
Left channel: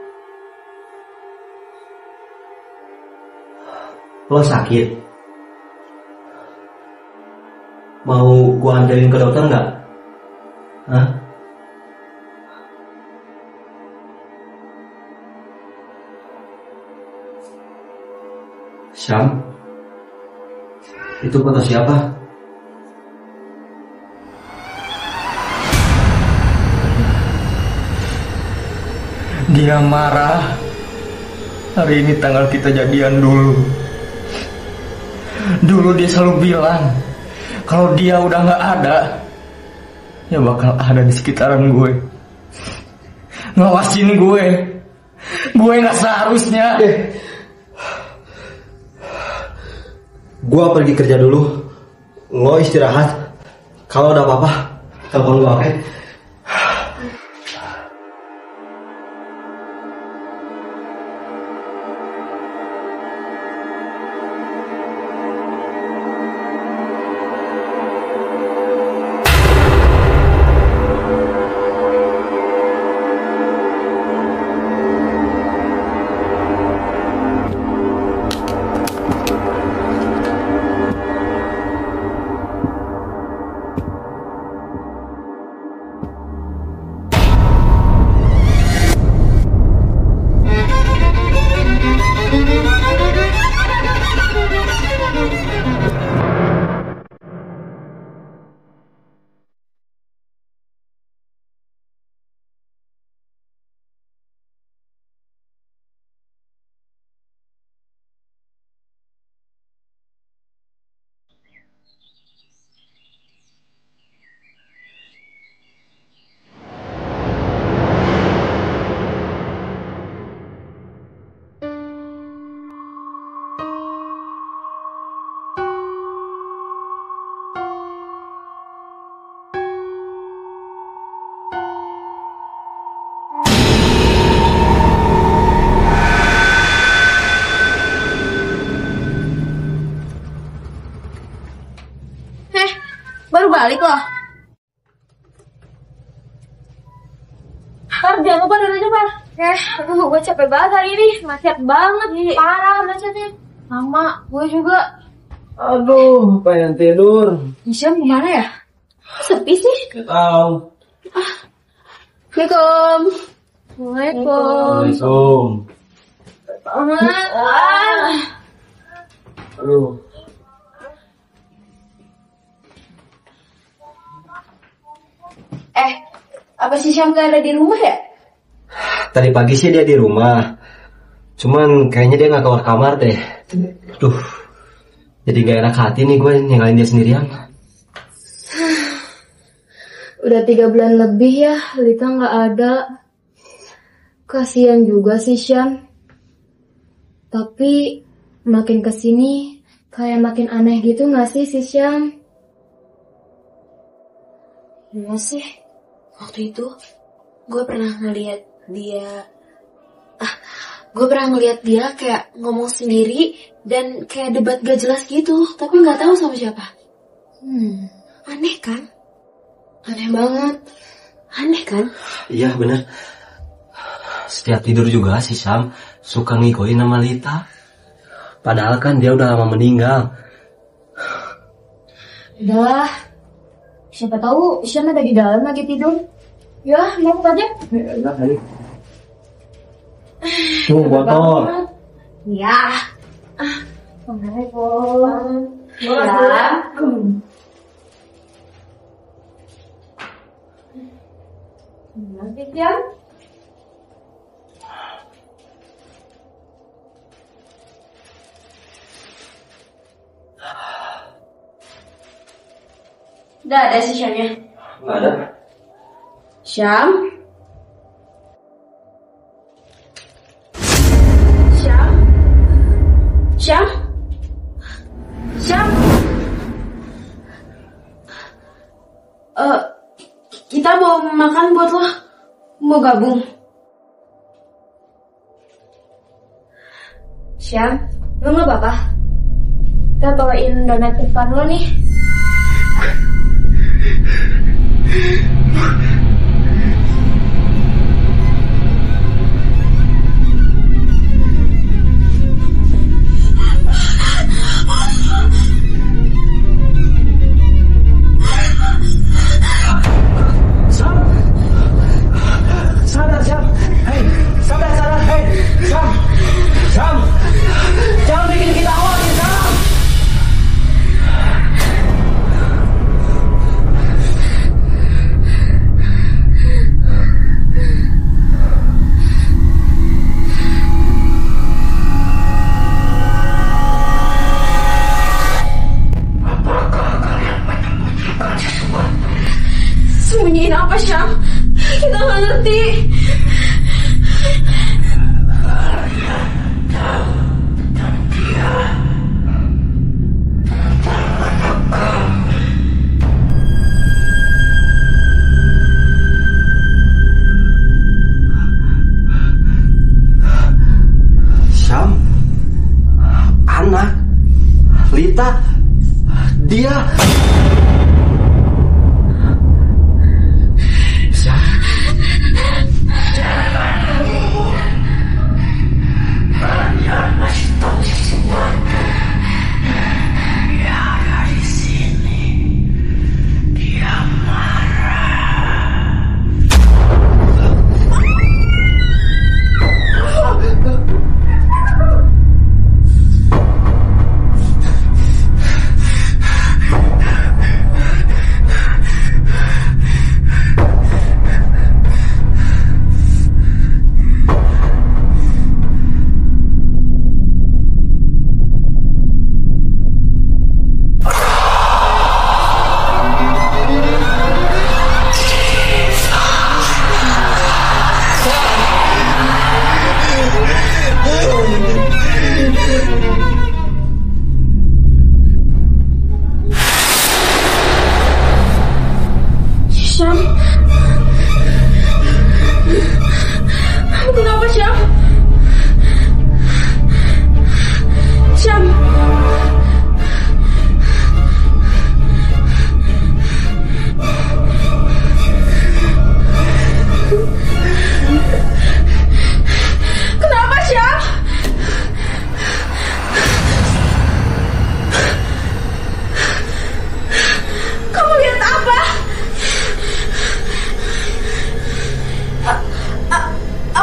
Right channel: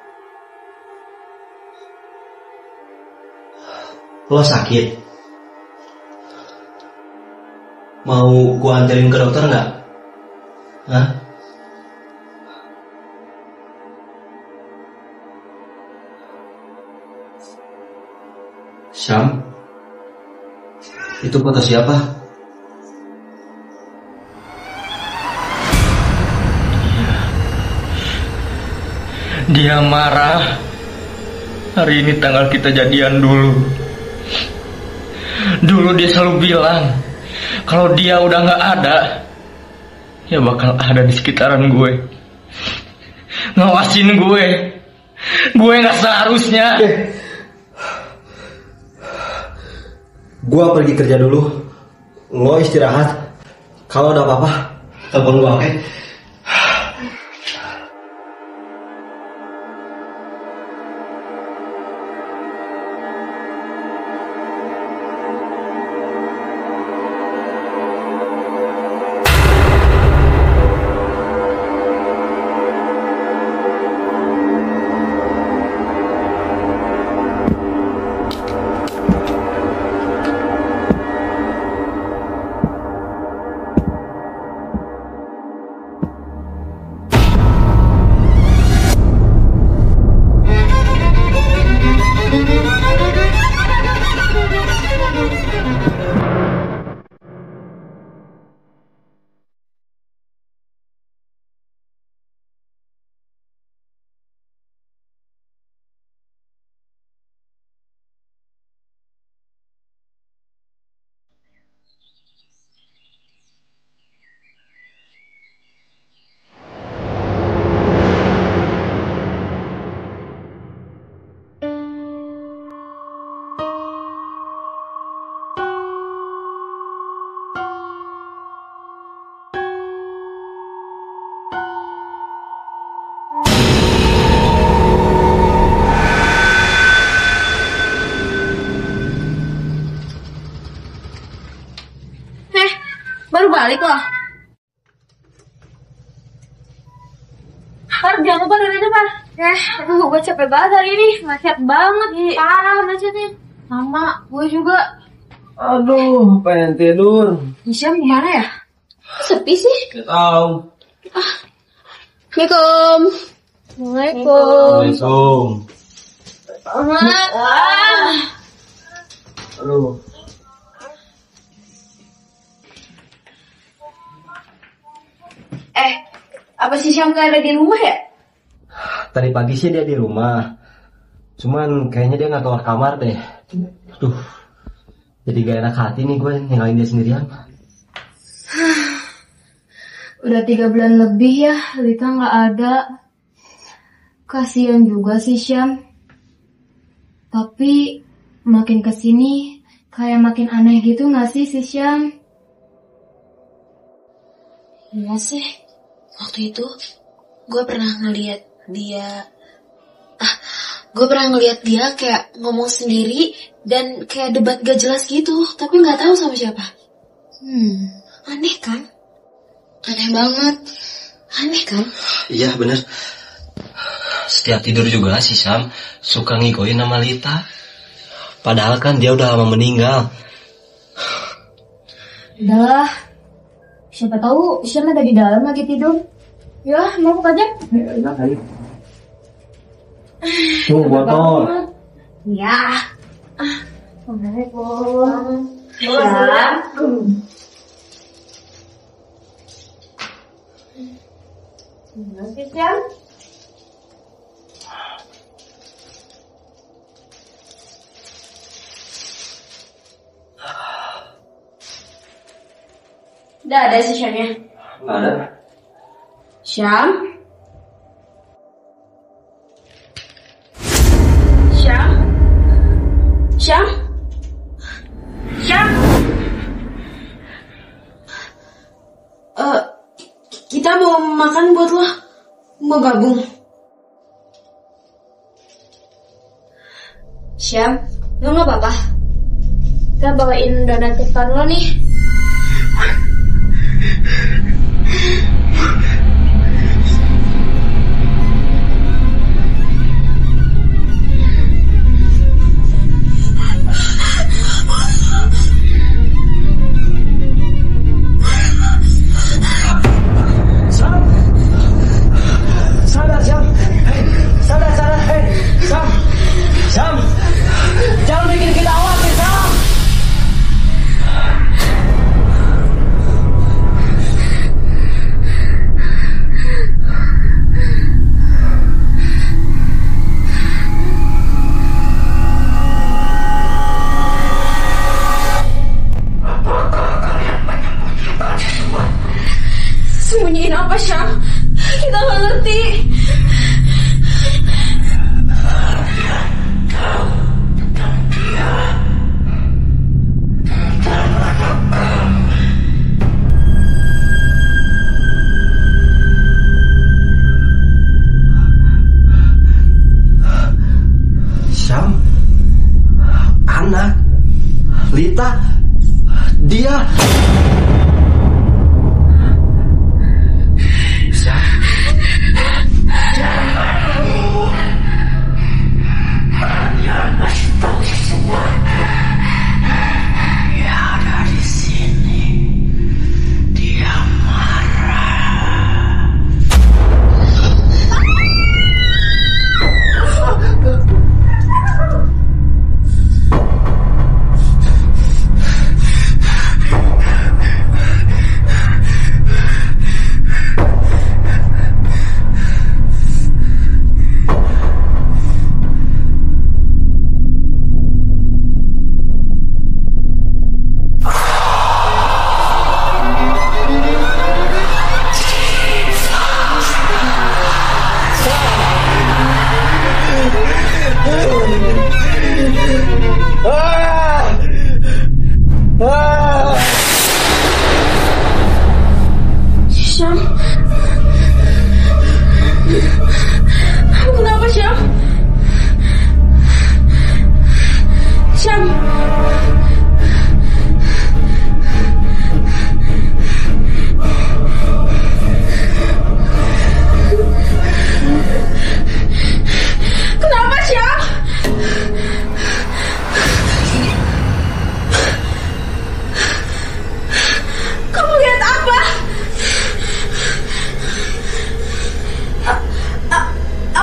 Lo sakit? Mau gua anterin ke dokter nggak? Hah? Syam, itu foto siapa? Dia marah. Hari ini tanggal kita jadian dulu. Dulu dia selalu bilang kalau dia udah gak ada, ya bakal ada di sekitaran gue, ngawasin gue. Gue gak seharusnya. Gue pergi kerja dulu. Lo istirahat. Kalau ada apa-apa, telepon gue, oke? balik loh. Par, jangan lupa dengerin Par. Aduh, gue capek banget hari ini. Macet banget. Parah macetnya. Sama, gue juga. Aduh, pengen tidur. Syam kemana ya? Sepi sih. Gak tahu. Assalamualaikum. Waalaikumsalam. Aduh. Apa si Syam gak ada di rumah ya? Tadi pagi sih dia di rumah. Cuman kayaknya dia gak keluar kamar deh. Duh. Jadi gak enak hati nih gue ninggalin dia sendirian. Udah 3 bulan lebih ya, Lita gak ada. Kasian juga sih Syam. Tapi makin kesini kayak makin aneh gitu gak sih si Syam? Iya sih. Waktu itu gue pernah ngeliat dia kayak ngomong sendiri dan kayak debat gak jelas gitu, tapi nggak tahu sama siapa. Aneh kan? Aneh banget. Aneh kan? Iya bener. Setiap tidur juga si Syam suka ngigoin nama Lita. Padahal kan dia udah lama meninggal. Udah. Siapa tahu Syam ada di dalam lagi tidur. Ya, mau buka aja. Enak kali. Tuh botol. Ya. Assalamualaikum. Syam. Gimana Syam? Udah ada si Syamnya? Nggak ada. Syam? Syam? Syam? Syam? Kita mau makan buat lo. Mau gabung? Syam, lo gak apa-apa? Kita bawain donat kesukaan lo nih. Sadar Syam. Hei, sadar. Hei, Syam. Jangan bikin kita khawatir, Syam. Apakah kalian menyembunyikan sesuatu? Sembunyiin apa, Syam? Kita nggak ngerti. Kalian tahu tentang dia, tentang anak kami. Syam. Anak. Lita. Dia. Kalian masih tahu sesuatu. Dia ada di sini. Dia marah. Syam? Kamu kenapa, Syam? Syam?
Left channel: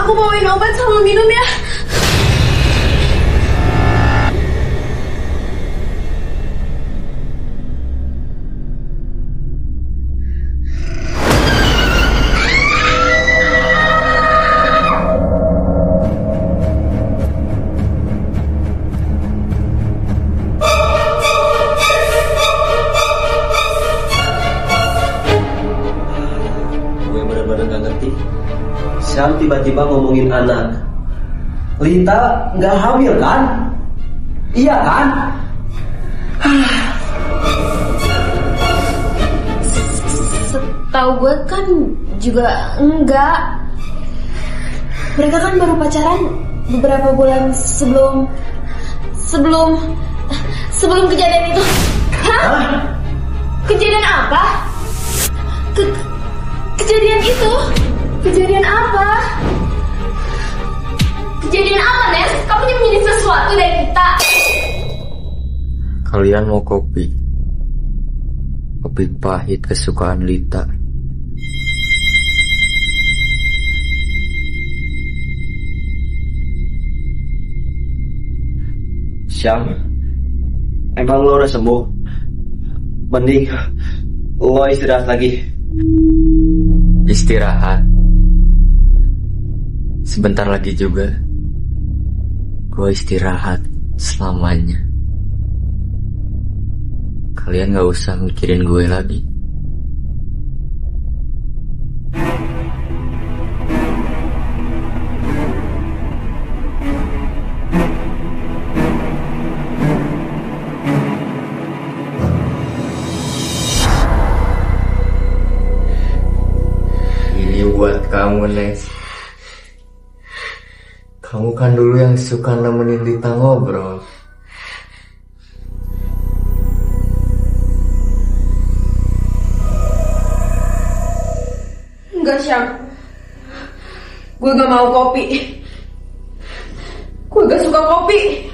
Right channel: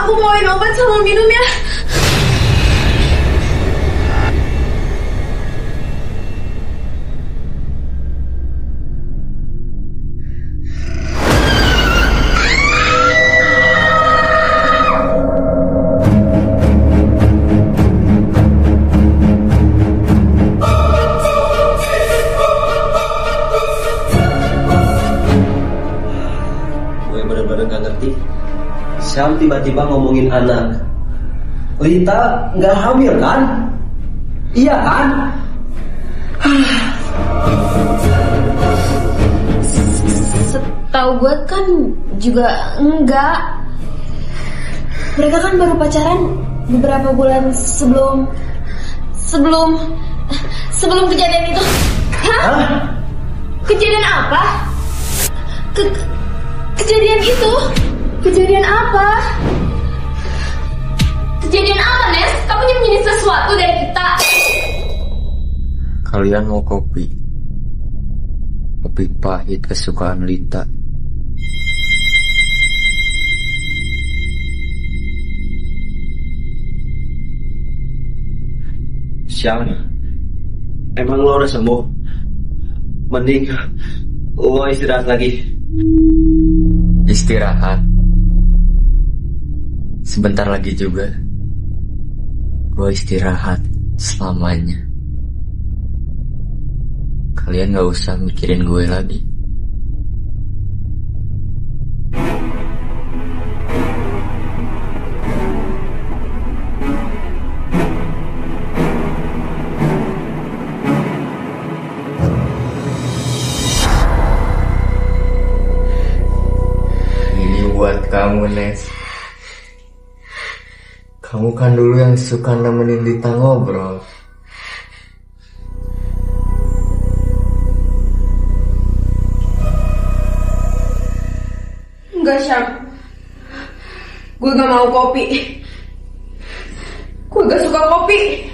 Aku bawain obat sama minum ya. Gue bener-bener gak ngerti. Syam tiba-tiba ngomongin anak. Lita nggak hamil kan? Iya kan? Setahu gue kan juga enggak. Mereka kan baru pacaran beberapa bulan sebelum kejadian itu. Hah? Kejadian apa? Kejadian itu? Kejadian apa? Kejadian apa, Nes? Kamu nyembunyi sesuatu dari kita. Kalian mau kopi? Kopi pahit kesukaan Lita. Syam, emang lo udah sembuh? Mending lo istirahat lagi. Istirahat. Sebentar lagi juga gue istirahat selamanya. Kalian gak usah mikirin gue lagi. Ini buat kamu, Nes. Kamu kan dulu yang suka nemenin Lita ngobrol. Enggak, Syam. Gue gak mau kopi. Gue gak suka kopi.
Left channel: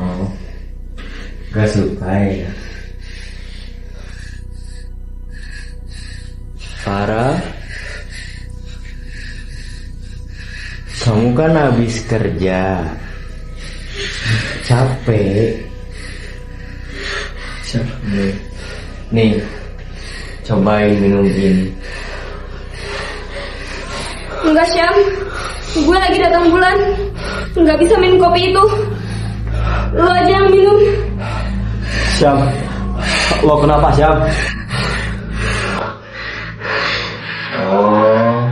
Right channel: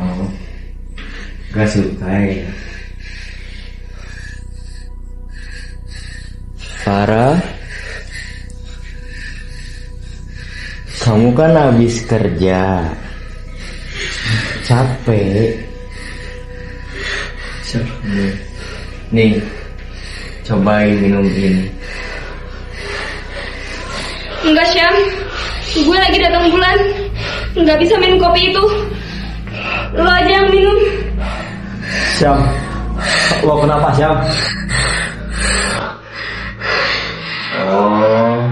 Oh, gak suka ya? Sarah, kamu kan habis kerja, capek. Nih, cobain minum ini. Enggak, Syam. Gue lagi datang bulan. Nggak bisa minum kopi itu. Lo aja yang minum. Syam, lo kenapa, Syam? Oh,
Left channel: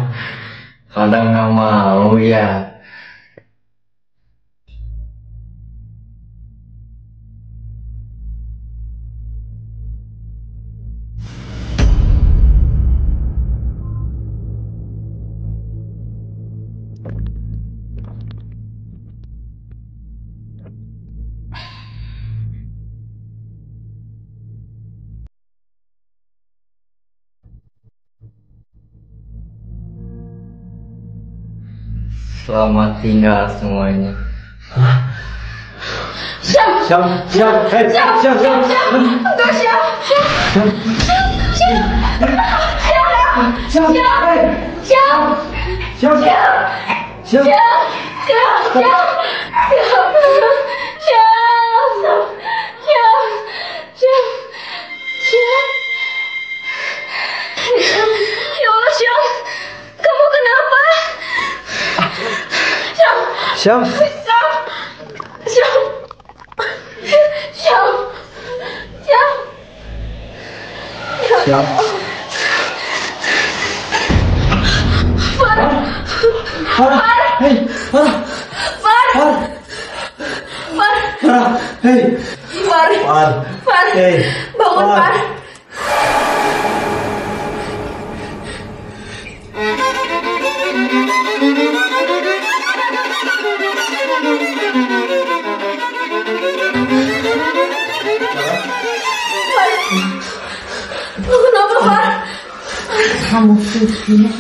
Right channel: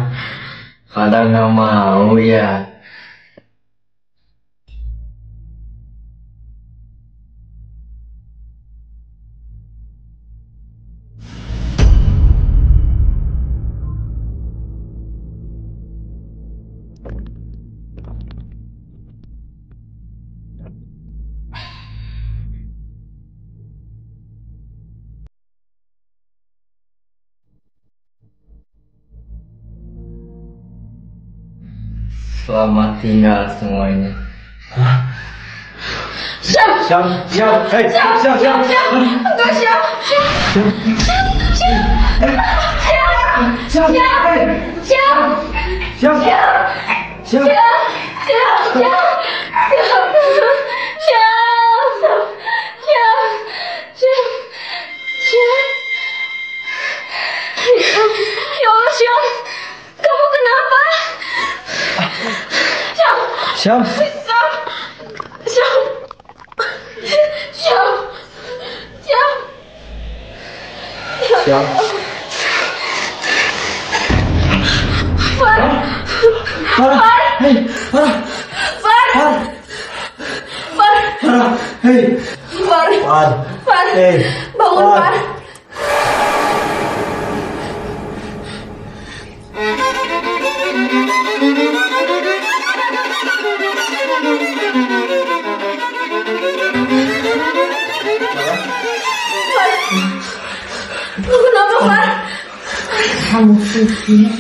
pada nggak mau ya? Selamat tinggal semuanya. Syam. Syam, Syam, hey, Syam, Syam, Syam, Enggak, Syam. Syam. Syam. Syam, hey, Syam. Syam, Syam, Ya Allah, Syam. Kamu kenapa? Syam. Syam, Syam. Farah, hey, Farah, hey, Far, hey, bangun, Far. Kenapa, Far? Kamu pikir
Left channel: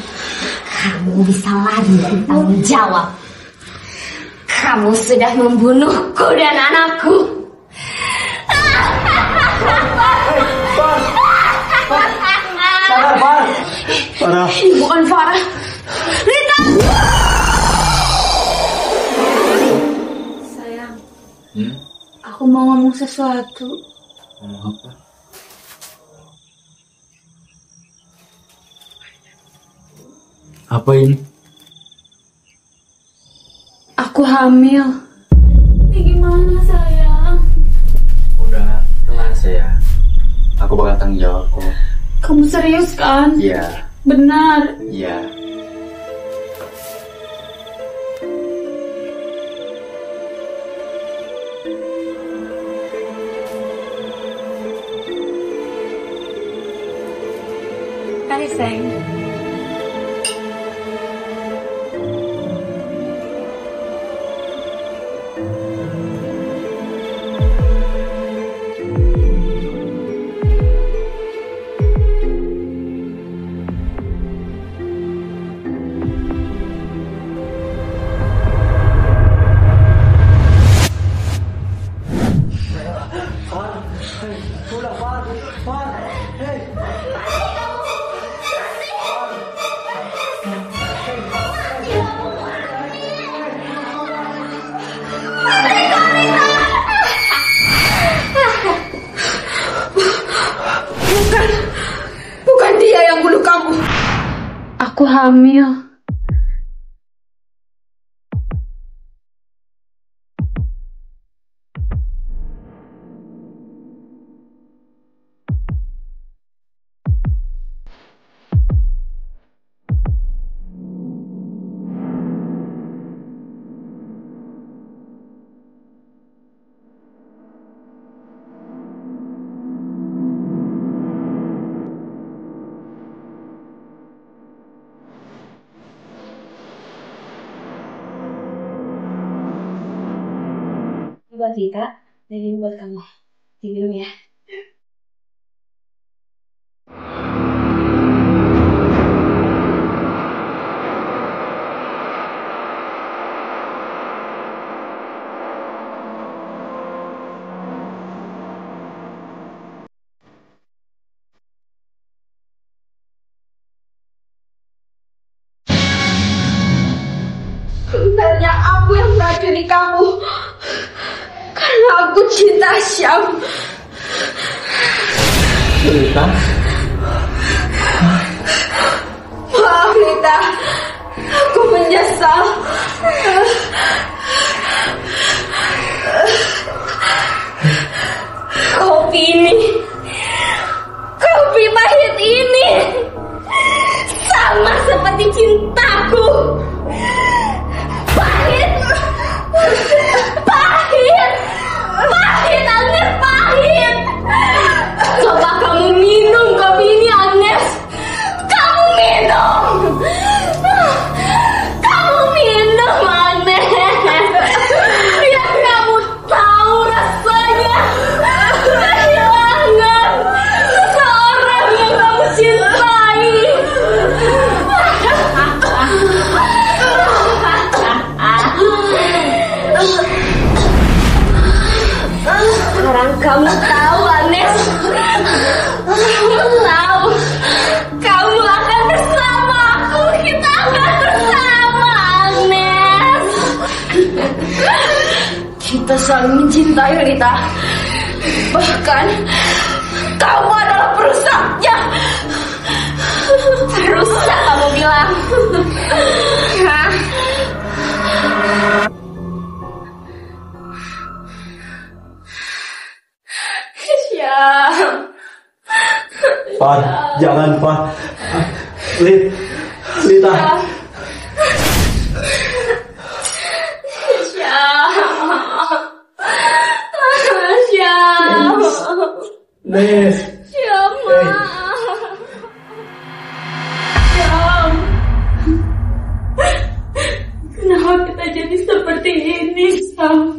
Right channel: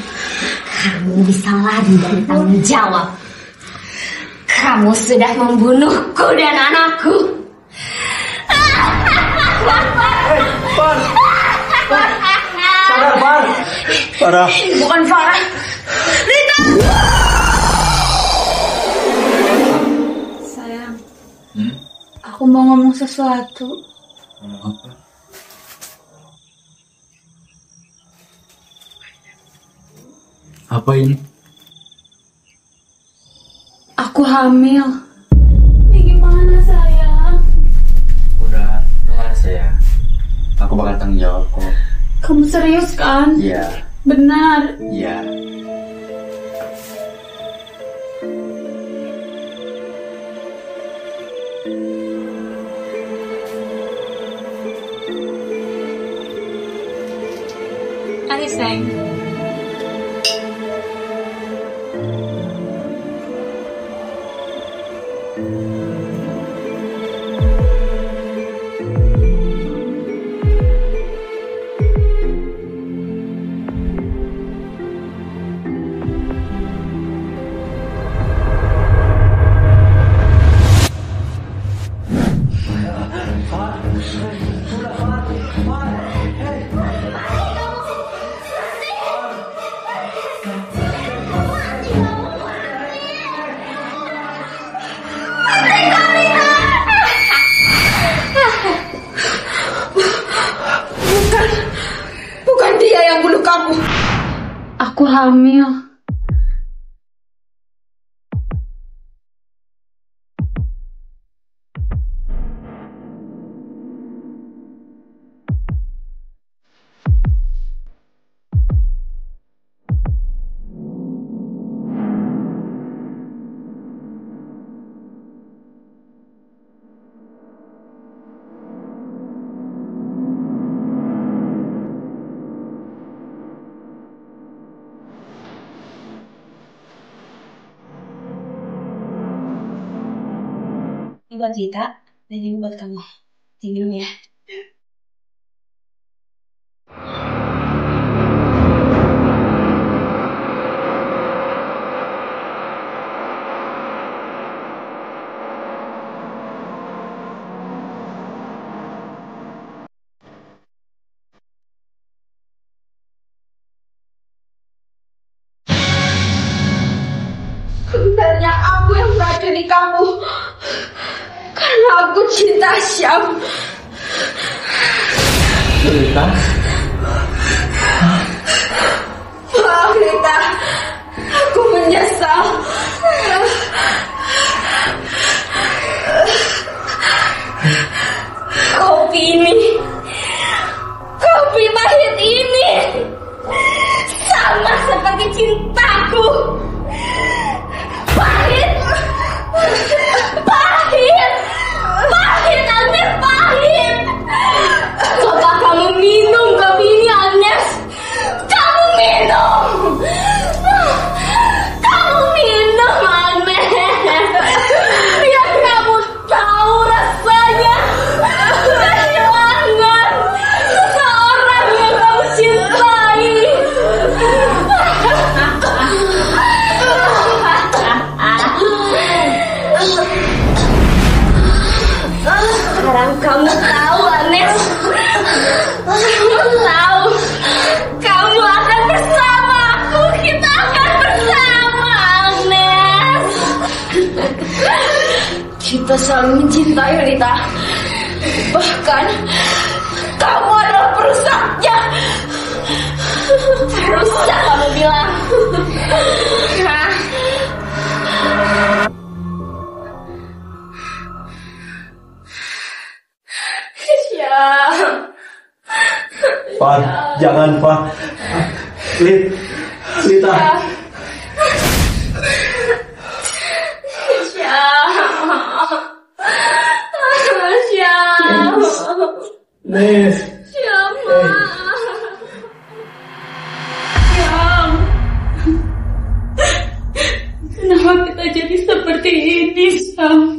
kamu bisa lari dari tanggung jawab? Kamu sudah membunuhku dan anakku. Farah, Bukan Farah. Lita. mau ngomong sesuatu. Ngomong apa? Apa ini? Aku hamil. Ini gimana sayang? Udah, tenang sayang. Aku bakal tanggung jawab kok. Kamu serius kan? Iya. Benar. Iya. Hai sayang. Bukan dia yang bunuh kamu. Aku hamil. Ini buat Zita, dan ini buat kamu. Minum ya. Sebenarnya aku yang meracuni kamu. Karena aku cinta Syam. Lita? Maaf Lita, aku menyesal. Kopi pahit ini sama seperti cintaku. Pahit, Agnes, pahit. Coba kamu minum kopi ini, Agnes. Kamu minum, Agnes. Biar kamu tahu rasanya kehilangan seseorang yang kamu cintai. Sekarang kamu tahu, Agnes. Kamu akan bersama aku. Kita akan bersama, Agnes. Kita saling mencintai, Lita. Bahkan kamu adalah perusaknya. Perusak kamu bilang. Hah? Pak, jangan Pak. Lita. Syam. Nis. Syam. Kenapa kita jadi seperti ini, Syam?